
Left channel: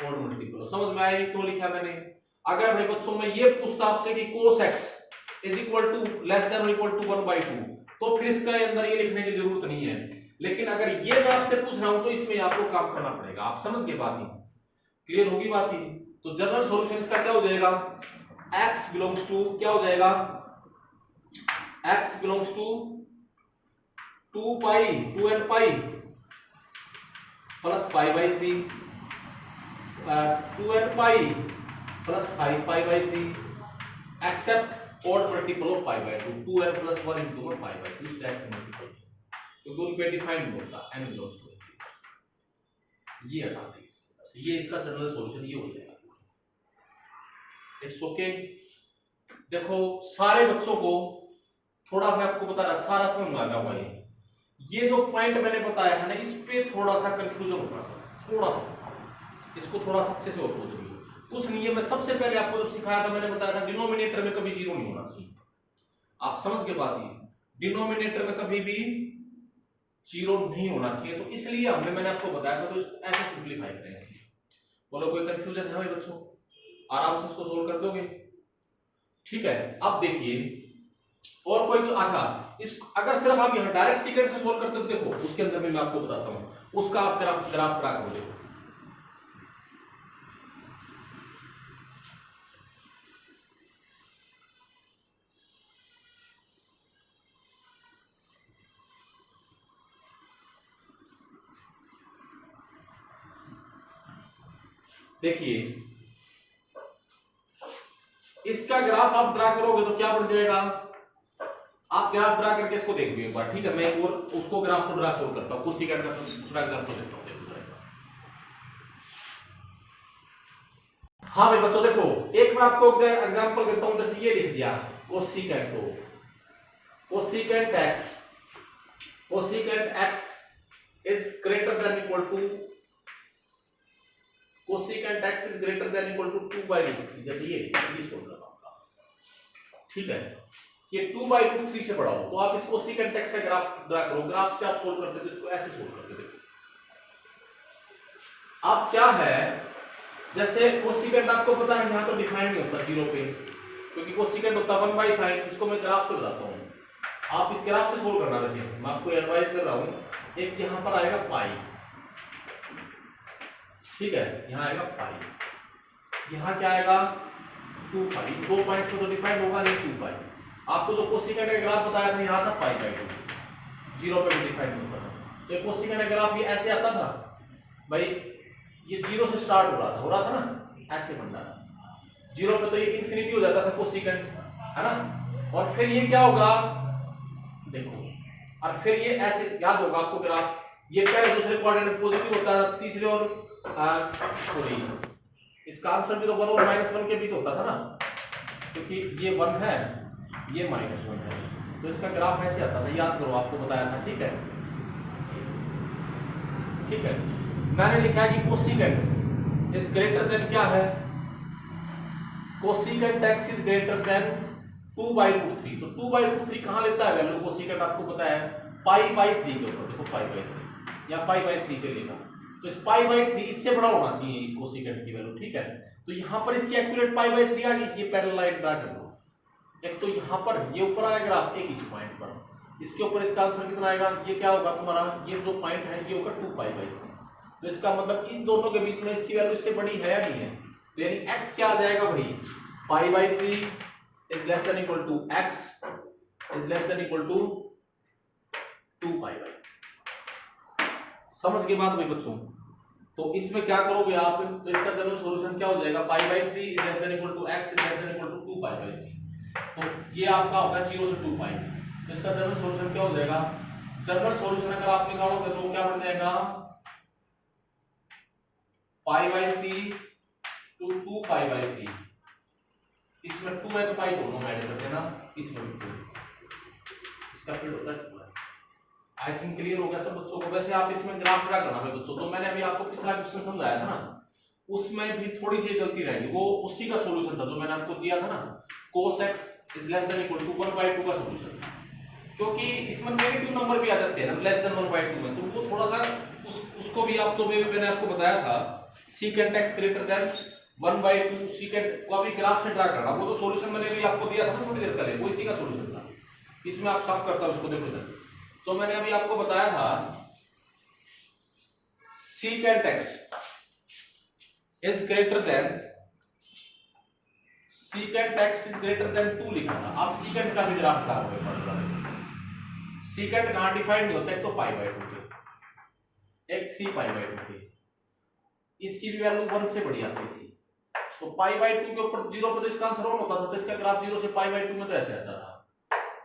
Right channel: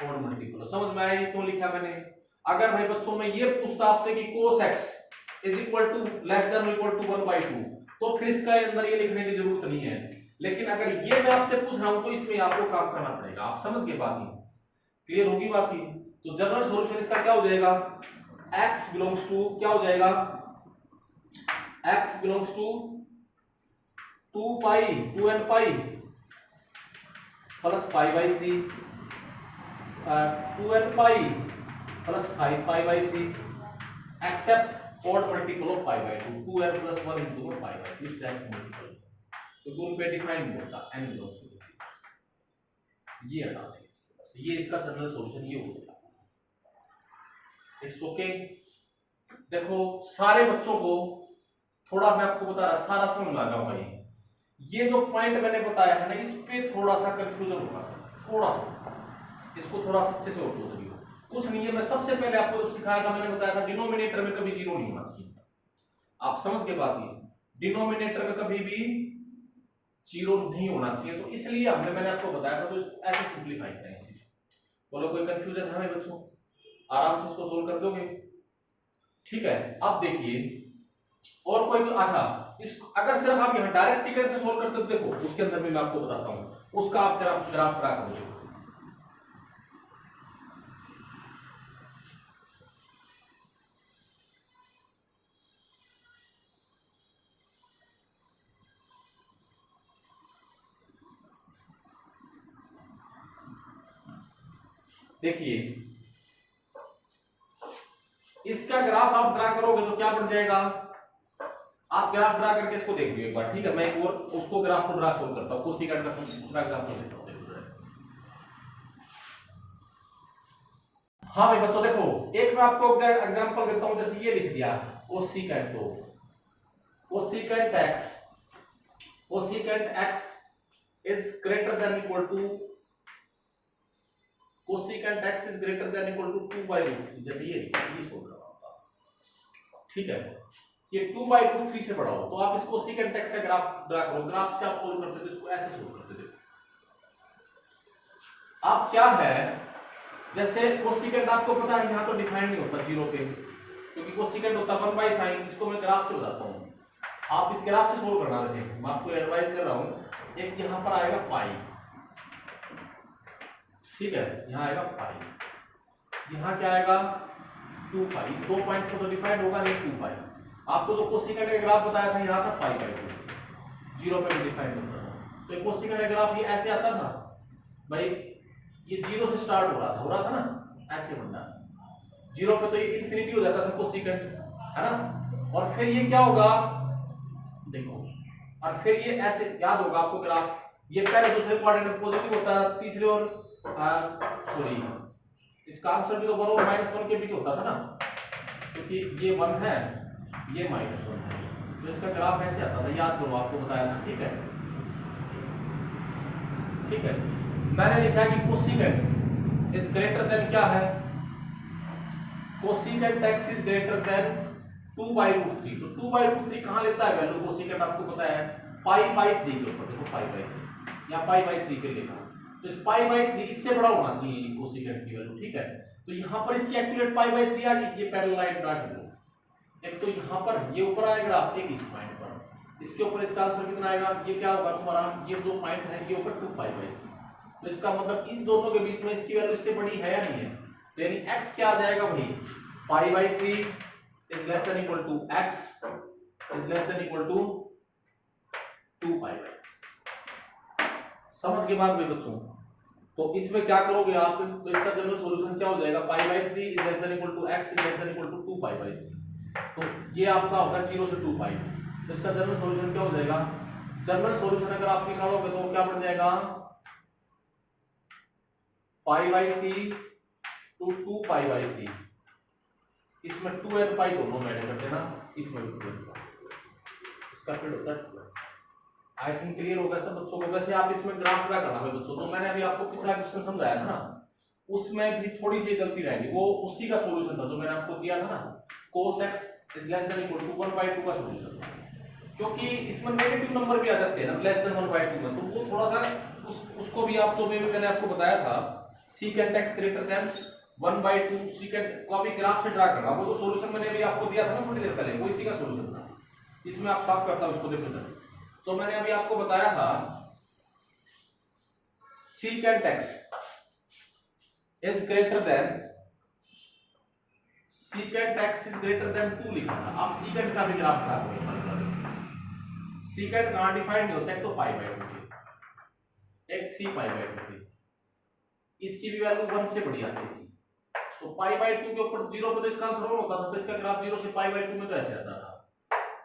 और मल्टीपल। समझ में आया क्यों लिखा मैंने। अगर भाई बच्चों में ये पूछता आपसे कि cos x is equal to less than equal to 1/2, तो फिर इसका अंदर ये लिखने की जरूरत नहीं है। लेकिन अगर ये मैं आपसे पूछ रहा हूं तो इसमें आपको काम करना पड़ेगा। आप समझ गए बात, ही क्लियर होगी बात ही। तो जनरल सॉल्यूशन इसका क्या हो जाएगा, x बिलोंग्स टू क्या हो जाएगा, x belongs to 2 pi 2n pi plus pi by 3, 2n pi plus 5 pi by 3 except odd multiple of pi by 2, 2n plus 1 into pi by 2 इस टाइप का multiple, क्योंकि उन पे डिफाइंड नहीं होता n बिलोंग्स टू, ये हटा देंगे इसके पास, ये इसका जनरल सॉल्यूशन ये हो जाएगा। It's okay. देखो सारे बच्चों को थोड़ा मैं आपको बता रहा, सारा समझ में आ गया होगा। ये जो पॉइंट मैंने बताया है ना, इस पे थोड़ा सा कंफ्यूजन होगा, थोड़ा सा इसको थोड़ा सा अच्छे से और सोच लियो। कुछ नहीं है, मैं सबसे पहले आपको जब सिखाया था मैंने बताया था डिनोमिनेटर में कभी 0 नहीं होना चाहिए। आप समझ के बात, ये डिनोमिनेटर में कभी भी 0 नहीं होना चाहिए, तो इसलिए हमने मैंने आपको बताया था, तो इसको ऐसे सिंपलीफाई करेंगे। बोलो कोई कंफ्यूजन है भाई बच्चों, आराम से इसको सोल्व कर दोगे, ठीक है। अब देखिए और कोई, अच्छा इस अगर सिर्फ आप यहां डायरेक्ट सीक्वेंस से सोल्व करते हो, देखो उसके अंदर मैं आपको बताता हूं, उसका आप ग्राफ ड्रा करो। देखो देखिए इसका ग्राफ आप ड्रा करोगे तो क्या बन जाएगा, आप ग्राफ ड्रा करके इसको देखिए एक बार, ठीक है। मैं एक और उसको ग्राफ को ड्रा सोल्व करता हूं, कुछ सेकंड का दूसरा एग्जांपल देता हूं। हाँ भाई बच्चों देखो, एक मैं आपको एग्जांपल देता हूं, जैसे ये लिख दिया cosecant x is greater than equal to cosecant x is greater than equal to 2/√3, जैसे ये सोल्व करना होगा, ठीक है। ये 2/√3 से बड़ा हो तो आप इसको cosecant x का ग्राफ ड्रा करो, ग्राफ से आप सोल्व करते तो इसको ऐसे सोल्व करते। देखो अब क्या है, जैसे कोसिकेंट आपको पता है यहां तो डिफाइन नहीं होता 0 पे, क्योंकि कोसिकेंट होता 1/sin, इसको मैं ग्राफ से बताता हूं, आप इस ग्राफ से सोल्व करना। जैसे मैं आपको एडवाइस कर रहा हूं, एक यहां पर आएगा पाई, ठीक है, यहां आएगा पाई, यहां क्या आएगा 2 पाई, 2 पॉइंट तो डिफाइन होगा नहीं 2 पाई। आपको जो कोसिकेंट का ग्राफ बताया था यहां था पाई बाई 2, 0 पे डिफाइन होता था, तो कोसिकेंट का ग्राफ ये ऐसे आता था भाई, ये 0 से स्टार्ट हो रहा था ना, ऐसे बन रहा था 0 पे, तो ये इंफिनिटी हो जाता था कोसिकेंट, है ना। और फिर ये क्या होगा देखो, और फिर ये ऐसे याद होगा आपको ग्राफ, ये पहले दूसरे क्वाड्रेंट में पॉजिटिव होता है, तीसरे और सॉरी इसका आंसर भी तो 1 और -1 के बीच होता था ना, क्योंकि ये 1 है ये -1 है, तो इसका ग्राफ ऐसे आता था, याद करो आपको बताया था। ठीक है, ठीक है। मैंने लिखा कि कोसेकेंट इज ग्रेटर देन क्या है, cosecant x is greater then 2/√3। तो 2/√3 कहां लेता है वैल्यू कोसेकेंट, आपको पता है π/3 के ऊपर, देखो π/3 या π/3 पे लेगा, तो इस π/3 इससे बड़ा होना चाहिए कोसेकेंट की वैल्यू। ठीक है, तो यहां पर इसकी एक्यूरेट π/3 आ गई। ये पैरेलल लाइन ड्रा कर लो, एक तो यहां पर ये ऊपर आएगा एक इस पॉइंट पर, इसके ऊपर इसका आंसर कितना आएगा, ये क्या होगा तुम्हारा, ये जो पॉइंट है ये ऊपर 2π/3। तो इसका मतलब इन दोनों के बीच में इसकी वैल्यू इससे बड़ी है या नहीं है, तो यानी x क्या आ जाएगा भाई, π/3 is less than equal to x is less than equal to 2π/3। समझ के बात भाई बच्चों, तो इसमें क्या करोगे आप, तो इसका जनरल सॉल्यूशन क्या हो जाएगा, π/3 is less than equal to x is less than equal to 2π/3। तो ये आपका होगा 0 से 2π, तो इसका जनरल सॉल्यूशन क्या हो जाएगा, जनरल सॉल्यूशन अगर आप निकालोगे तो क्या बन जाएगा, π/3 to 2π/3, इसमें 2n दोनों में ऐड कर देना, इसमें भी 2n, इसका फिर होता है 2n। आई थिंक क्लियर होगा सब बच्चों को। वैसे आप इसमें ग्राफ ड्रा करना है बच्चों, तो मैंने अभी आपको पिछला क्वेश्चन समझाया था ना, उसमें भी थोड़ी सी गलती रहेगी, वो उसी का सॉल्यूशन था जो मैंने आपको दिया था ना, cos x is less than equal to 1/2 का सॉल्यूशन था, क्योंकि इसमें नेगेटिव नंबर भी आ जाते हैं ना लेस देन 1/2 में, तो वो थोड़ा सा उसको भी आप, जो मैंने आपको बताया था secant x greater than 1/2, secant को अभी ग्राफ से ड्रा करना, वो जो सॉल्यूशन मैंने अभी आपको दिया था ना थोड़ी देर पहले, वो इसी का सॉल्यूशन था। इसमें आप साफ करता हूं, उसको देखो जरा, तो मैंने अभी आपको बताया था secant x is greater than, secant x is greater than 2 लिखा था। आप secant का भी ग्राफ ड्रा करोगे, secant कहां डिफाइंड नहीं होता, एक तो π/2 पे, एक 3π/2 पे, इसकी भी वैल्यू 1 से बड़ी आती थी, तो π/2 के ऊपर 0 पे तो इसका आंसर 1 होता था, तो इसका ग्राफ 0 से π/2 में तो ऐसे आता था,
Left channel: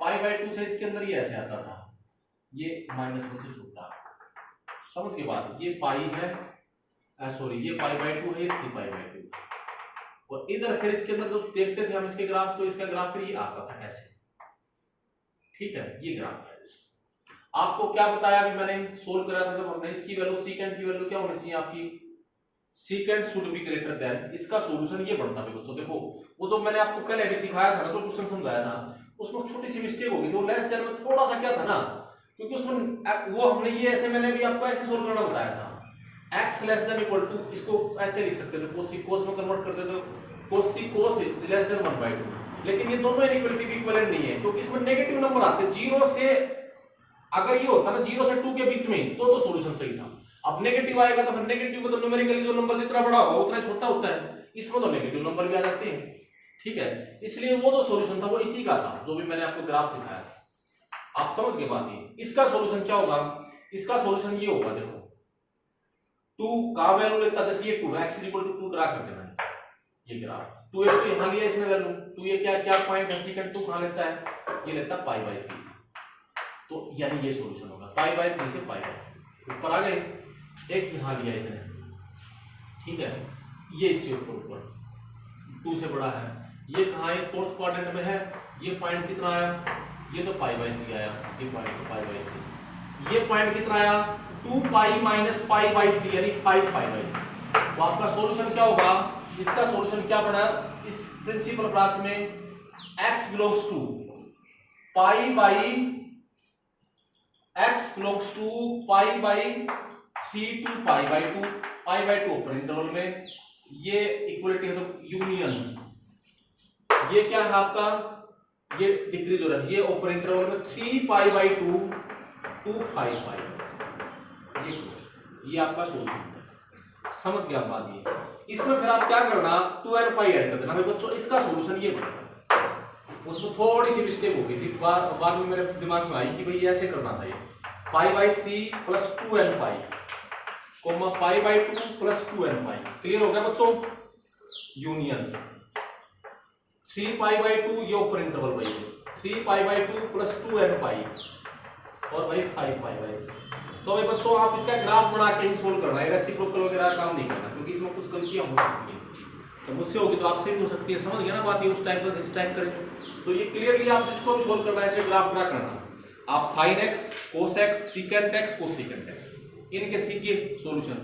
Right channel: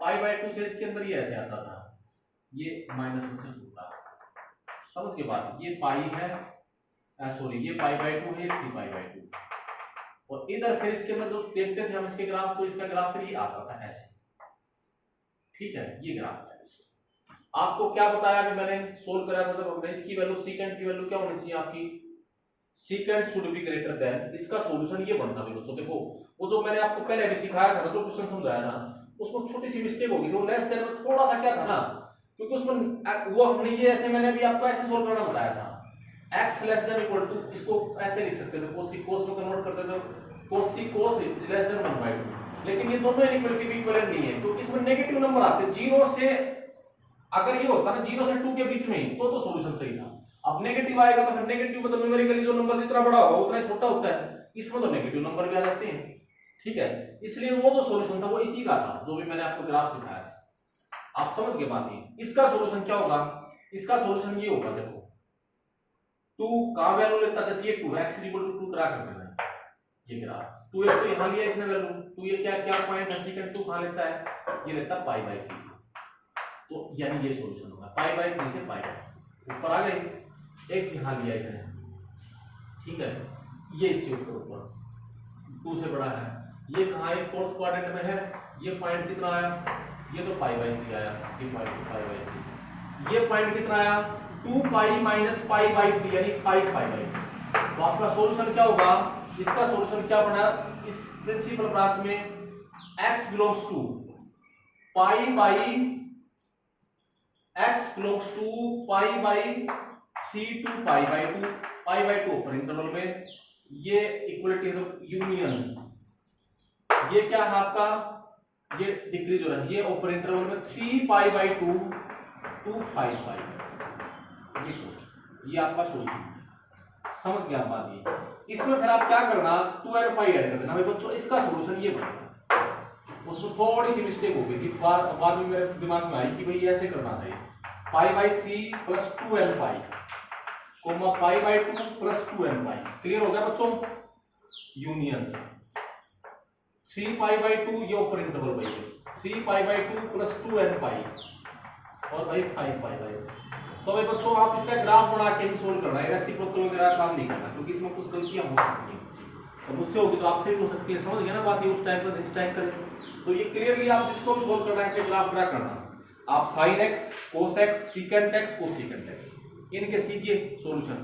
π/2 से इसके अंदर ये ऐसे आता था, ये -1 से छूटा, समझ के बाद ये पाई है, सॉरी ये π/2 है, 3π/2, और इधर फिर इसके अंदर जो देखते थे हम इसके ग्राफ, तो इसका ग्राफ फिर ये आता था ऐसे। ठीक है, ये ग्राफ है। आपको क्या बताया अभी मैंने सोल्व कराया था जब हमने, इसकी वैल्यू secant की वैल्यू क्या होनी चाहिए आपकी, secant should be greater than, इसका सॉल्यूशन ये बनता है बच्चों। देखो वो जो मैंने आपको पहले अभी सिखाया था ना, जो क्वेश्चन समझाया था, उसमें छोटी सी मिस्टेक होगी, तो लेस देन में थोड़ा सा क्या था ना, क्योंकि उसमें वो हमने ये ऐसे, मैंने अभी आपको ऐसे सोल्व करना बताया था, x less than equal to, इसको ऐसे लिख सकते थे, cos में कन्वर्ट करते तो cos लेस देन 1/2, लेकिन ये दोनों इनइक्वालिटी इक्विवेलेंट नहीं है, क्योंकि इसमें नेगेटिव नंबर आते हैं 0 से, अगर ये होता ना 0 से 2 के बीच में ही तो सॉल्यूशन सही था। अब नेगेटिव आएगा तो फिर नेगेटिव मतलब न्यूमेरिकली जो नंबर जितना बड़ा होगा उतना छोटा होता है, इसमें तो नेगेटिव नंबर भी आ जाते हैं। ठीक है, इसलिए वो जो सॉल्यूशन था वो इसी का था, जो भी मैंने आपको ग्राफ सिखाया था। आप समझ गए बात ये। इसका सॉल्यूशन क्या होगा, इसका सॉल्यूशन ये होगा, देखो 2 का वैल्यू लेता है, जैसे ये 2 x 2 ड्रा कर देना है, ये ग्राफ 2 एक तो यहां लिया इसने वैल्यू, 2 ये क्या पॉइंट है, secant 2 कहां लेता है, ये लेता है π/3, तो यानी ये सॉल्यूशन होगा π/3 से π/3 ऊपर आ गए, एक यहां लिया इसने, ठीक है, ये इससे ऊपर 2 से बड़ा है, ये कहां है, फोर्थ क्वाड्रेंट में है, ये पॉइंट कितना आया, ये तो π/3 आया, ये पॉइंट π/3, ये पॉइंट कितना आया 2π - π/3 यानी 5π/3। तो आपका सॉल्यूशन क्या होगा, इसका सॉल्यूशन क्या बना, इस प्रिंसिपल ब्रांच में x बिलोंग्स टू π/3 to π/2 ऊपर इंटरवल में, ये इक्वलिटी है तो यूनियन, ये क्या है आपका, ये डिक्रीज हो रहा है, ये ऊपर इंटरवल में 3π/2 to 5π, ये आपका सॉल्यूशन है। समझ गया बात ये। इसमें फिर आप क्या करना, 2n पाई ऐड कर देना भाई बच्चों, इसका सॉल्यूशन ये बनेगा। उसमें थोड़ी सी मिस्टेक हो गई थी, बाद में मेरे दिमाग में आई कि भाई ऐसे करना था, ये π/3 + 2n पाई कोमा π/2 + 2n पाई। क्लियर हो गया बच्चों, यूनियन 3π/2, ये ऊपर इंटरवल भाई 3π/2 + 2n पाई और भाई 5π/3, तो भाई बच्चों आप इसका ग्राफ बना के ही सोल्व करना है, रेसिप्रोकल वगैरह काम नहीं करना, क्योंकि इसमें कुछ गलतियां हो सकती हैं। तो मुझसे होगी तो आपसे भी हो सकती है, समझ गया ना बात? ये उस टाइप पर इस टाइप करें तो ये क्लियरली आप जिसको भी सोल्व करना है ऐसे ग्राफ ड्रा करना। आप sine x, cos x, secant x, cosecant x इनके सीखिए सॉल्यूशन।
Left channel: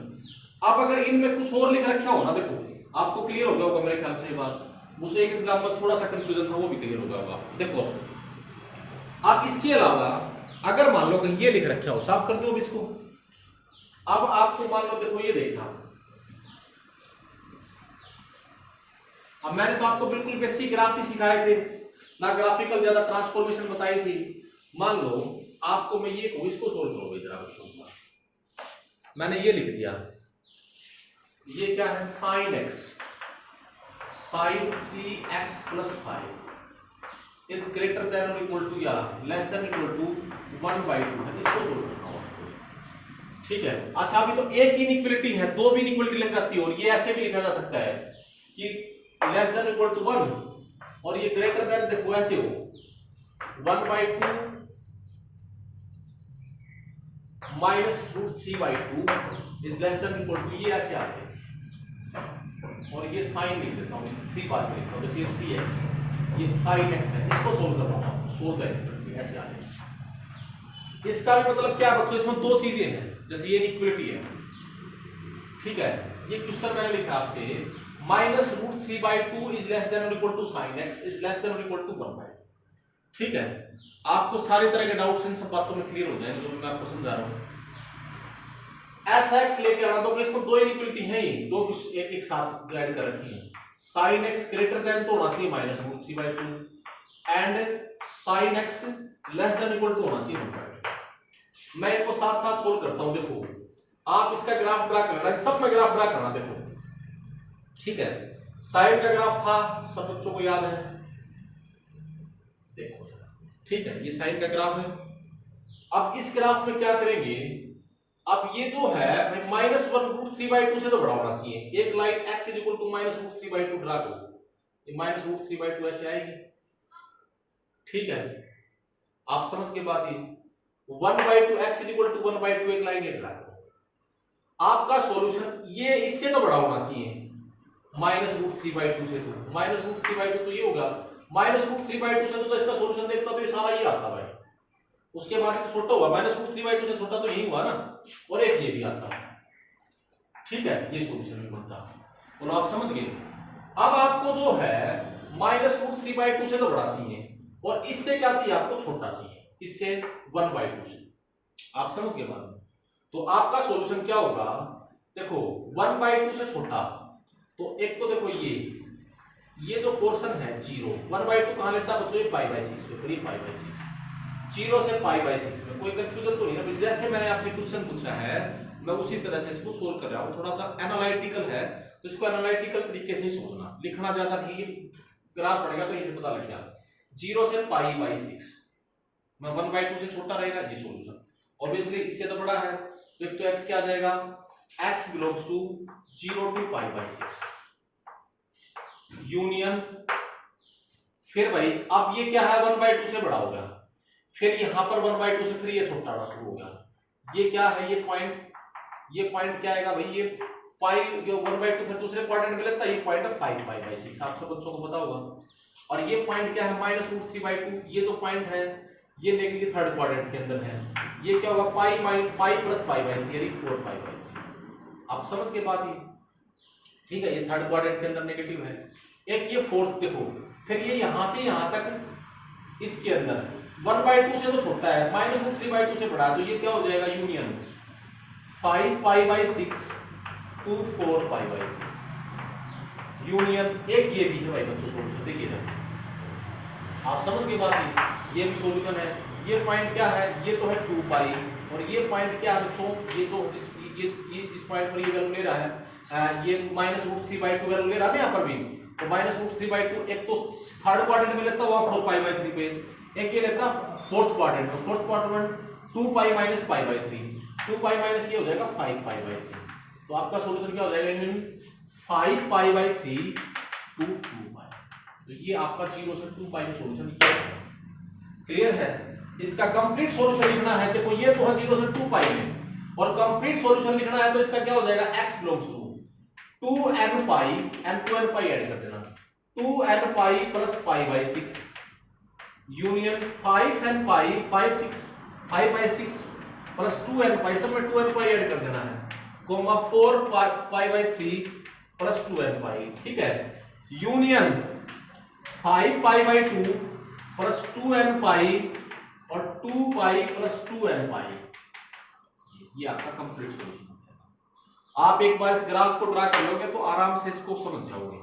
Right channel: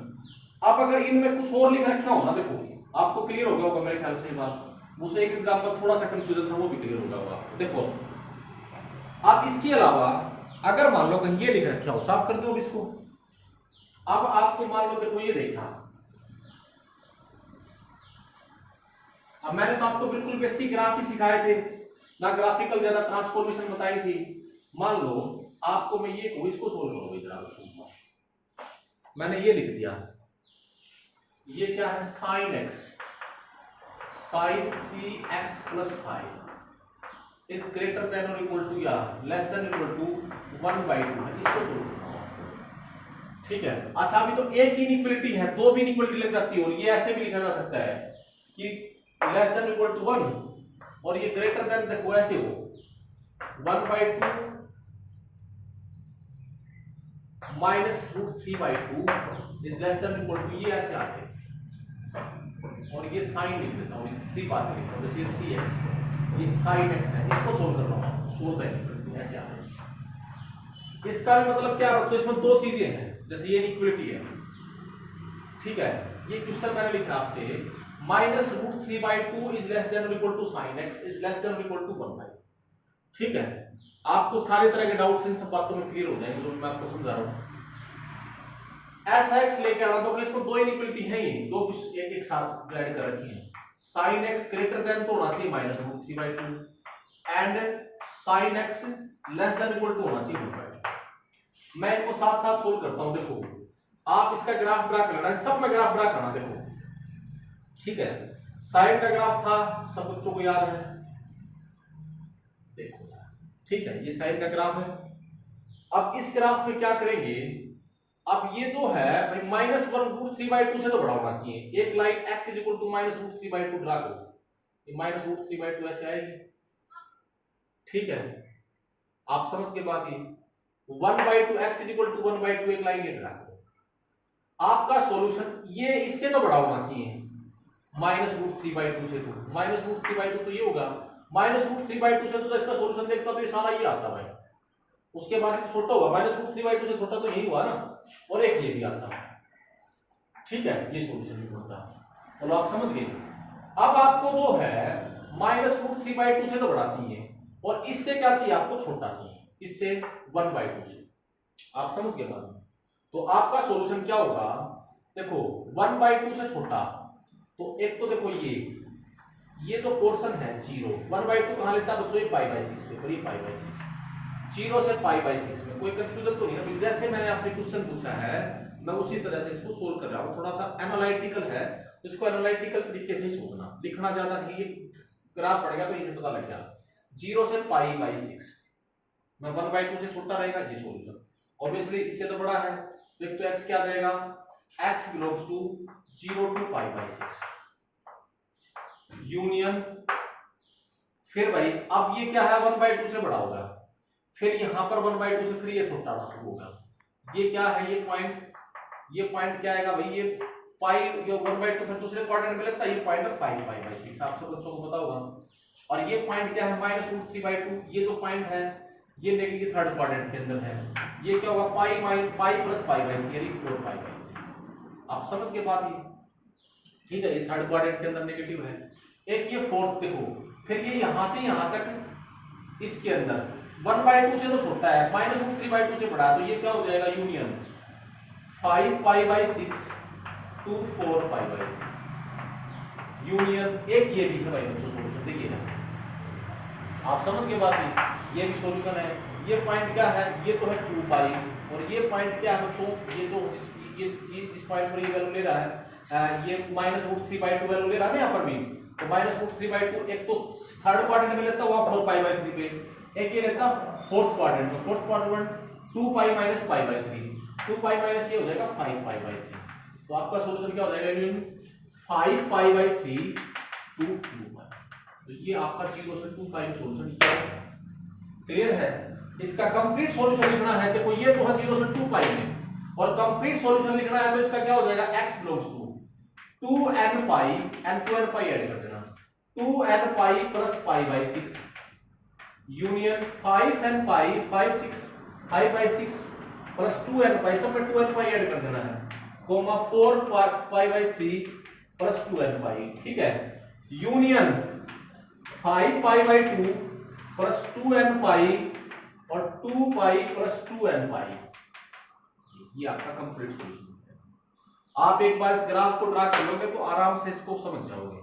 आप अगर इनमें कुछ और लिख रखा हो ना, देखो आपको क्लियर हो गया होगा मेरे ख्याल से ये बात। मुझसे एक एग्जांपल थोड़ा सा कंफ्यूजन था, वो भी क्लियर हो गया होगा। देखो आप इसके अलावा अगर मान लो कहीं ये लिख रखा हो, साफ कर दो अब इसको। अब आपको मान लो देखो ये देखा, अब मैंने तो आपको बिल्कुल बेसिक ग्राफ ही सिखाए थे ना, ग्राफिकल ज्यादा ट्रांसफॉर्मेशन बताई थी। मान लो आपको मैं ये कहूं इसको सोल्व करो जरा बच्चों, मैंने ये लिख दिया, ये क्या है sine x, sine 3x + 5 is greater than और इक्वल टू या लेस देन इक्वल टू 1/2 है। इसको सोल्व करना हो आपको, ठीक है। अच्छा अभी तो एक इनइक्वालिटी है, दो भी इनइक्वालिटी लग जाती है, और ये ऐसे भी लिखा जा सकता है कि लेस देन इक्वल टू 1 और ये ग्रेटर देन, देखो ऐसे हो 1/2 minus √3/2 is less than equal to, ये ऐसे आते हैं। और ये साइन लिख देता हूँ, 3 बाद में लिखता हूँ, जैसे 3x, ये साइन x है, इसको सोल्व करता हूँ, सोल्व है ऐसे आते हैं। इसका भी मतलब क्या बच्चों, इसमें दो चीजें हैं, जैसे ये इक्वलिटी है, ठीक है। ये क्वेश्चन मैंने लिखा आपसे, माइनस √3/2 इज लेस देन और equal to sine x is less than और इक्वल टू 1/2, ठीक है। आपको सारे तरह के डाउट्स इन सब बातों में क्लियर हो जाएंगे जो मैं आपको समझा रहा हूँ। ऐसा x लेकर आना, तो इसमें दो इनइक्वालिटी है ही, दो एक साथ ऐड कर रखी है। sin x ग्रेटर देन तो होना चाहिए minus √3/2 and sin x less than equal to होना चाहिए 1/2। मैं इनको साथ साथ सोल्व करता हूं। देखो आप इसका ग्राफ ड्रा करना, सब में ग्राफ ड्रा करना, देखो ठीक है। साइन का ग्राफ था, सब बच्चों को याद है, देखो ठीक है, ये साइन का ग्राफ है। अब इस ग्राफ में क्या करेंगे, अब ये जो है -1√3/2 से तो बड़ा होना चाहिए। एक line x is equal to -√3/2 draw करो, ये -√3/2 ऐसे आएगी, ठीक है। आप समझ के बाद ये 1/2 x इज इक्वल टू 1/2 एक लाइन ये ड्रा करो। आपका सॉल्यूशन ये इससे तो बड़ा होना चाहिए -√3/2 से, तो -√3/2 तो ये होगा, -√3/2 से तो इसका सॉल्यूशन देखता तो ये सारा ये आता भाई, उसके बाद तो छोटा हुआ, -√3/2 से छोटा तो यही हुआ ना, और एक ये भी आता, ठीक है। ये सॉल्यूशन भी बनता, और आप समझ गए। अब आपको जो है -√3/2 से तो बड़ा चाहिए, और इससे क्या चाहिए आपको, छोटा चाहिए, इससे 1/2 से, आप समझ गए बात। तो आपका सॉल्यूशन क्या होगा, देखो 1/2 से छोटा, तो एक तो देखो ये जो पोर्शन है 0, 1/2 कहां लेता है बच्चों, ये π/6 पे, ये π/6, 0 से π/6 में कोई कंफ्यूजन तो नहीं ना। जैसे मैंने आपसे क्वेश्चन पूछा है मैं उसी तरह से इसको सोल्व कर रहा हूं, थोड़ा सा एनालिटिकल है, तो इसको एनालिटिकल तरीके से सोचना, लिखना ज्यादा नहीं, ये ग्राफ पड़ेगा तो ये पता लग गया। 0 से π/6 मैं 1/2 से छोटा रहेगा, ये सॉल्यूशन। ऑब्वियसली इससे तो बड़ा है, तो एक तो x क्या आ जाएगा, x belongs to 0 to π/6 union, फिर भाई अब ये क्या है 1/2 से बड़ा होगा, फिर यहां पर 1/2 से फिर ये छोटा होना शुरू होगा। ये क्या है, ये पॉइंट क्या आएगा भाई, ये पाई, ये 1/2 फिर दूसरे क्वाड्रेंट में लगता है, ये पॉइंट है 5π/6, आप सब बच्चों को पता होगा। और ये पॉइंट क्या है -√3/2, ये जो पॉइंट है ये नेगेटिव थर्ड क्वाड्रेंट के अंदर है, ये क्या होगा पाई + π/3 यानी 4π/3, आप समझ के बात ये, ठीक है। ये थर्ड क्वाड्रेंट के अंदर नेगेटिव है, एक ये फोर्थ, देखो फिर ये यहां से यहां तक इसके अंदर 1/2 से तो छोटा है, -√3/2 से बड़ा है, तो ये क्या हो जाएगा यूनियन 5π/6 to 4π/3 यूनियन। एक ये भी है भाई बच्चों सॉल्यूशन, देखिए ना आप समझ के बाद ये भी सॉल्यूशन है। ये पॉइंट क्या है, ये तो है 2π, और ये पॉइंट क्या है बच्चों, ये जो ये जिस पॉइंट पर ये वैल्यू ले रहा है, ये -√3/2 वैल्यू ले रहा है ना यहाँ पर भी, तो -√3/2 एक तो थर्ड क्वाड्रेंट में लेता हुआ 4π/3 पे, एक ये लेता फोर्थ क्वाड्रेंट में, फोर्थ क्वाड्रेंट 2π - π/3, 2π माइनस ये हो जाएगा 5π/3, तो आपका सॉल्यूशन क्या हो जाएगा, 5π/3 to 2π, तो ये आपका 0 से 2π का सॉल्यूशन क्लियर है। इसका कंप्लीट सॉल्यूशन लिखना है, देखो ये तो है 0 से 2π में, और कंप्लीट सॉल्यूशन लिखना है तो इसका क्या हो जाएगा, x belongs to 2n pi, n 2n pi add कर देना, 2n pi plus pi by 6 union 5n pi 5 6 5 by 6 plus 2n pi, सब में 2n पाई ऐड कर देना है, comma 4 pi by 3 plus 2n pi, ठीक है, union 5 pi by 2 plus 2n pi और 2 पाई प्लस 2n पाई। ये आपका कंप्लीट सॉल्यूशन है। आप एक बार इस ग्राफ को ड्रा कर लोगे तो आराम से इसको समझ जाओगे,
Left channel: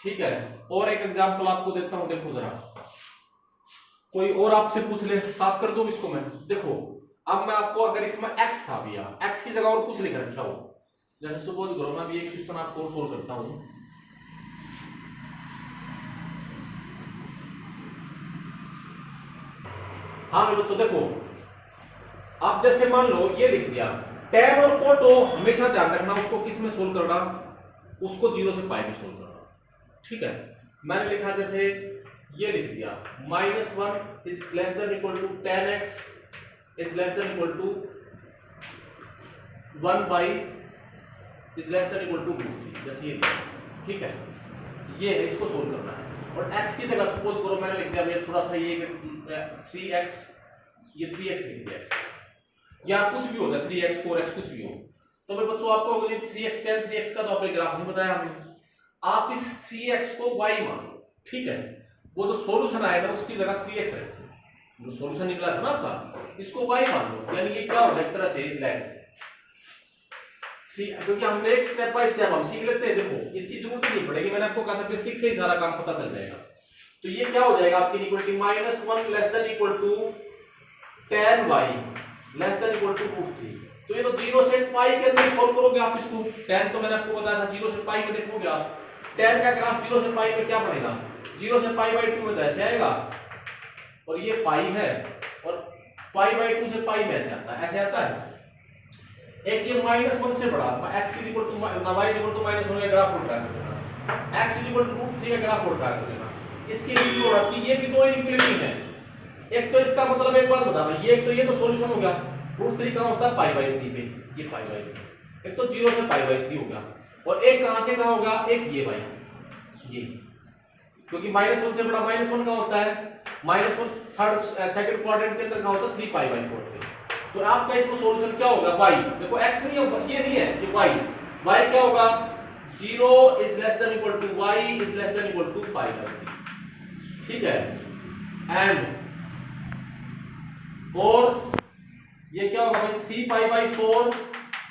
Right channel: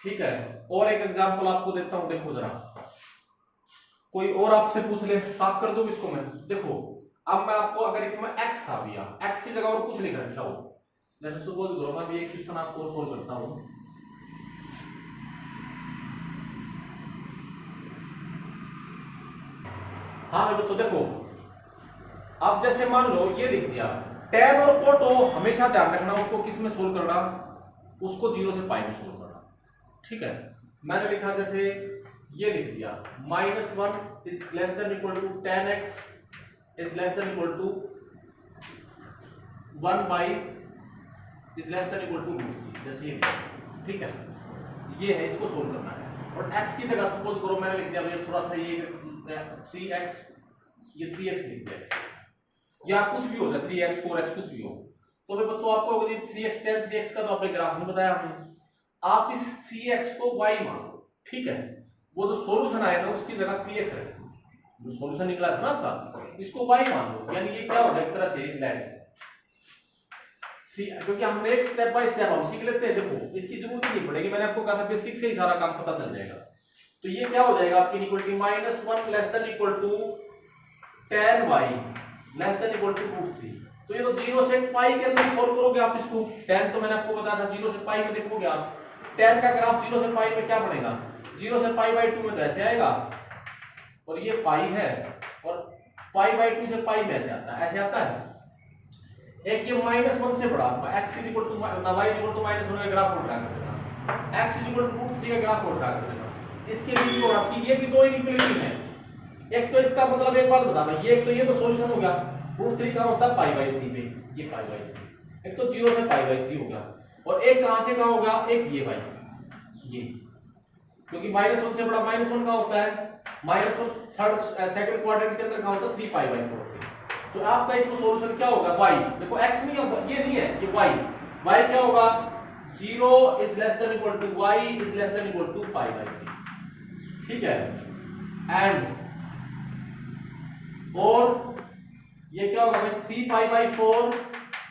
ठीक है। और एक एग्जांपल आपको देता हूं, देखो जरा, कोई और आपसे पूछ ले, साफ कर दूं इसको मैं, देखो अब मैं आपको, अगर इसमें x था भैया, x की जगह और कुछ लिख रखा हो, जैसे सपोज करो मैं भी एक क्वेश्चन आपको सोल्व करता हूं, हाँ बच्चों देखो, अब जैसे मान लो ये लिख दिया, tan और cot हो, हमेशा ध्यान रखना उसको किस में सोल्व करना, उसको 0 से पाई में सोल्व करना, ठीक है। मैंने लिखा जैसे ये लिख दिया, -1 is less than equal to tan x is less than equal to 1 by is less than equal to √3, जैसे ये लिखा, ठीक है। ये है, इसको सोल्व करना है। और x की जगह सपोज करो मैंने लिख दिया भैया थोड़ा सा ये 3x, ये 3x लिख दिया, या कुछ भी हो जाए 3x 4x कुछ भी हो, तो भाई बच्चों आपको 3x tan 3x का तो आपने ग्राफ नहीं बताया हमें, आप इस 3x को y मान लो, ठीक है। वो जो सॉल्यूशन आएगा उसकी जगह 3x रखो, जो सॉल्यूशन निकला था ना आपका, इसको y मान लो, यानी ये क्या होगा एक तरह से लेट 3, क्योंकि हमने एक स्टेप बाय स्टेप हम सीख लेते हैं, देखो इसकी जरूरत नहीं पड़ेगी, मैंने आपको कहा था कि 6 से ही सारा काम पता चल जाएगा। तो ये क्या हो जाएगा आपकी equality -1 less than equal to tan y less than equal to √3, तो ये तो 0 से पाई के अंदर सॉल्व करोगे आप इसको, tan तो मैंने आपको बताया था 0 से पाई में देखोगे आप, tan का ग्राफ 0 से पाई में क्या बनेगा, 0 से पाई बाई 2 में तो ऐसे आएगा, और ये पाई है, और पाई बाई 2 से पाई में ऐसे आता है, ऐसे आता है। एक ये -1 से बड़ा x y इक्वल टू -1 का ग्राफ उल्टा कर देना, x इक्वल टू √3 का ग्राफ उल्टा कर देना, इसके बीच में होना चाहिए, ये भी दो इनइक्वालिटी है, एक तो इसका मतलब एक बात बता भाई, ये तो सॉल्यूशन हो गया, √3 कहां होता है पाई बाई 3 पे, ये पाई बाई 3, एक तो 0 से पाई बाई 3 हो गया, और एक कहां से कहां हो गया, एक ये भाई ये, क्योंकि -1 से बड़ा -1 कहां होता है, -1 थर्ड सेकंड क्वाड्रेंट के अंदर कहां होता है 3 पाई बाई 4 पे। तो आपका इसका सॉल्यूशन क्या होगा, y, देखो x नहीं है, ये नहीं है, ये y क्या होगा, 0 is less than equal to y is less than equal to pi by 3, ठीक है। एंड और ये क्या होगा भाई, 3 pi by 4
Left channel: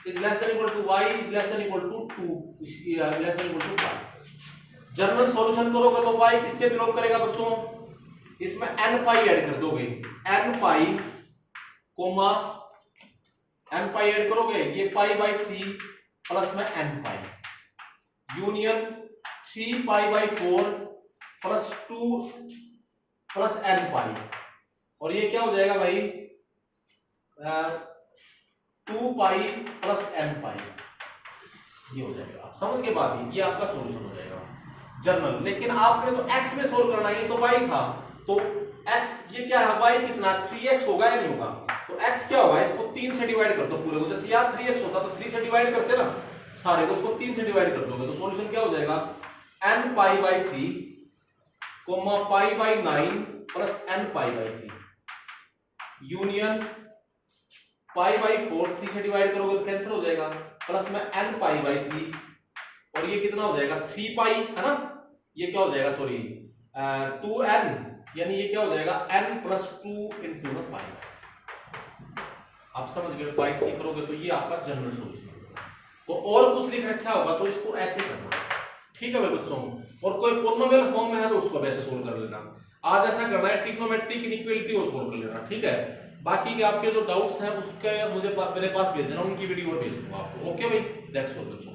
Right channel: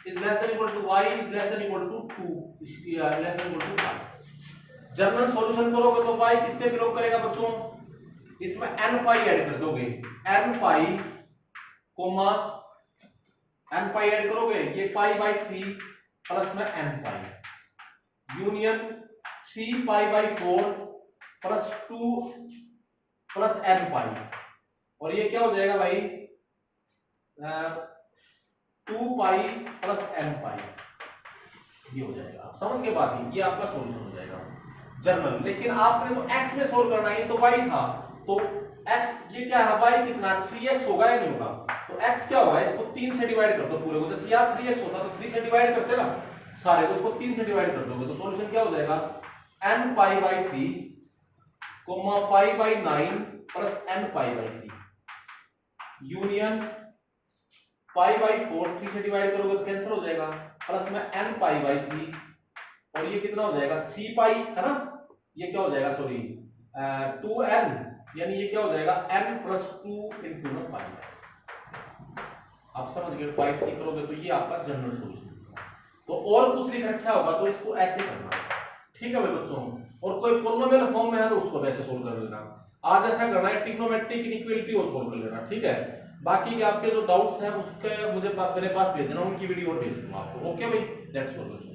is less than equal to y is less than equal to 2 less than equal to pi. General solution करोगे तो y किससे बिलोंग करेगा बच्चों, इसमें n पाई ऐड कर दोगे, n पाई कोमा n पाई ऐड करोगे, ये पाई बाई 3 प्लस में n pi union 3 pi by 4 plus 2 plus n पाई, और ये क्या हो जाएगा भाई 2 पाई प्लस n पाई, ये हो जाएगा। आप समझ के बात है, ये आपका सॉल्यूशन हो जाएगा जनरल। लेकिन आपने तो x में सोल्व करना है, ये तो y था, तो x ये क्या है, y कितना 3x होगा या नहीं होगा, तो x क्या होगा, इसको 3 से डिवाइड कर दो पूरे को, जैसे यार 3x होता तो 3 से डिवाइड करते ना सारे को, इसको 3 से डिवाइड कर दोगे तो सॉल्यूशन क्या हो जाएगा, n pi by 3 comma pi by 9 plus n pi by 3 union pi by 4, 3 से डिवाइड करोगे तो कैंसिल हो जाएगा, प्लस में n पाई बाई 3, और ये कितना हो जाएगा 3 पाई है ना, ये क्या हो जाएगा सॉरी 2n, यानी ये क्या हो जाएगा n प्लस 2 इंटू में पाई। आप समझ गए, पाई 3 करोगे तो ये आपका जनरल सॉल्यूशन होगा। तो और कुछ लिख रखा होगा तो इसको ऐसे करना, ठीक है भाई बच्चों। और कोई पॉलिनोमियल फॉर्म में है तो उसको वैसे सोल्व कर लेना, आज ऐसा करना है ट्रिग्नोमेट्रिक इनइक्वालिटी और सोल्व कर लेना, ठीक है। बाकी के आपके जो डाउट्स हैं उसके मुझे मेरे पास भेज देना, उनकी वीडियो और भेज दूंगा आपको, ओके भाई, दैट्स ऑल बच्चों।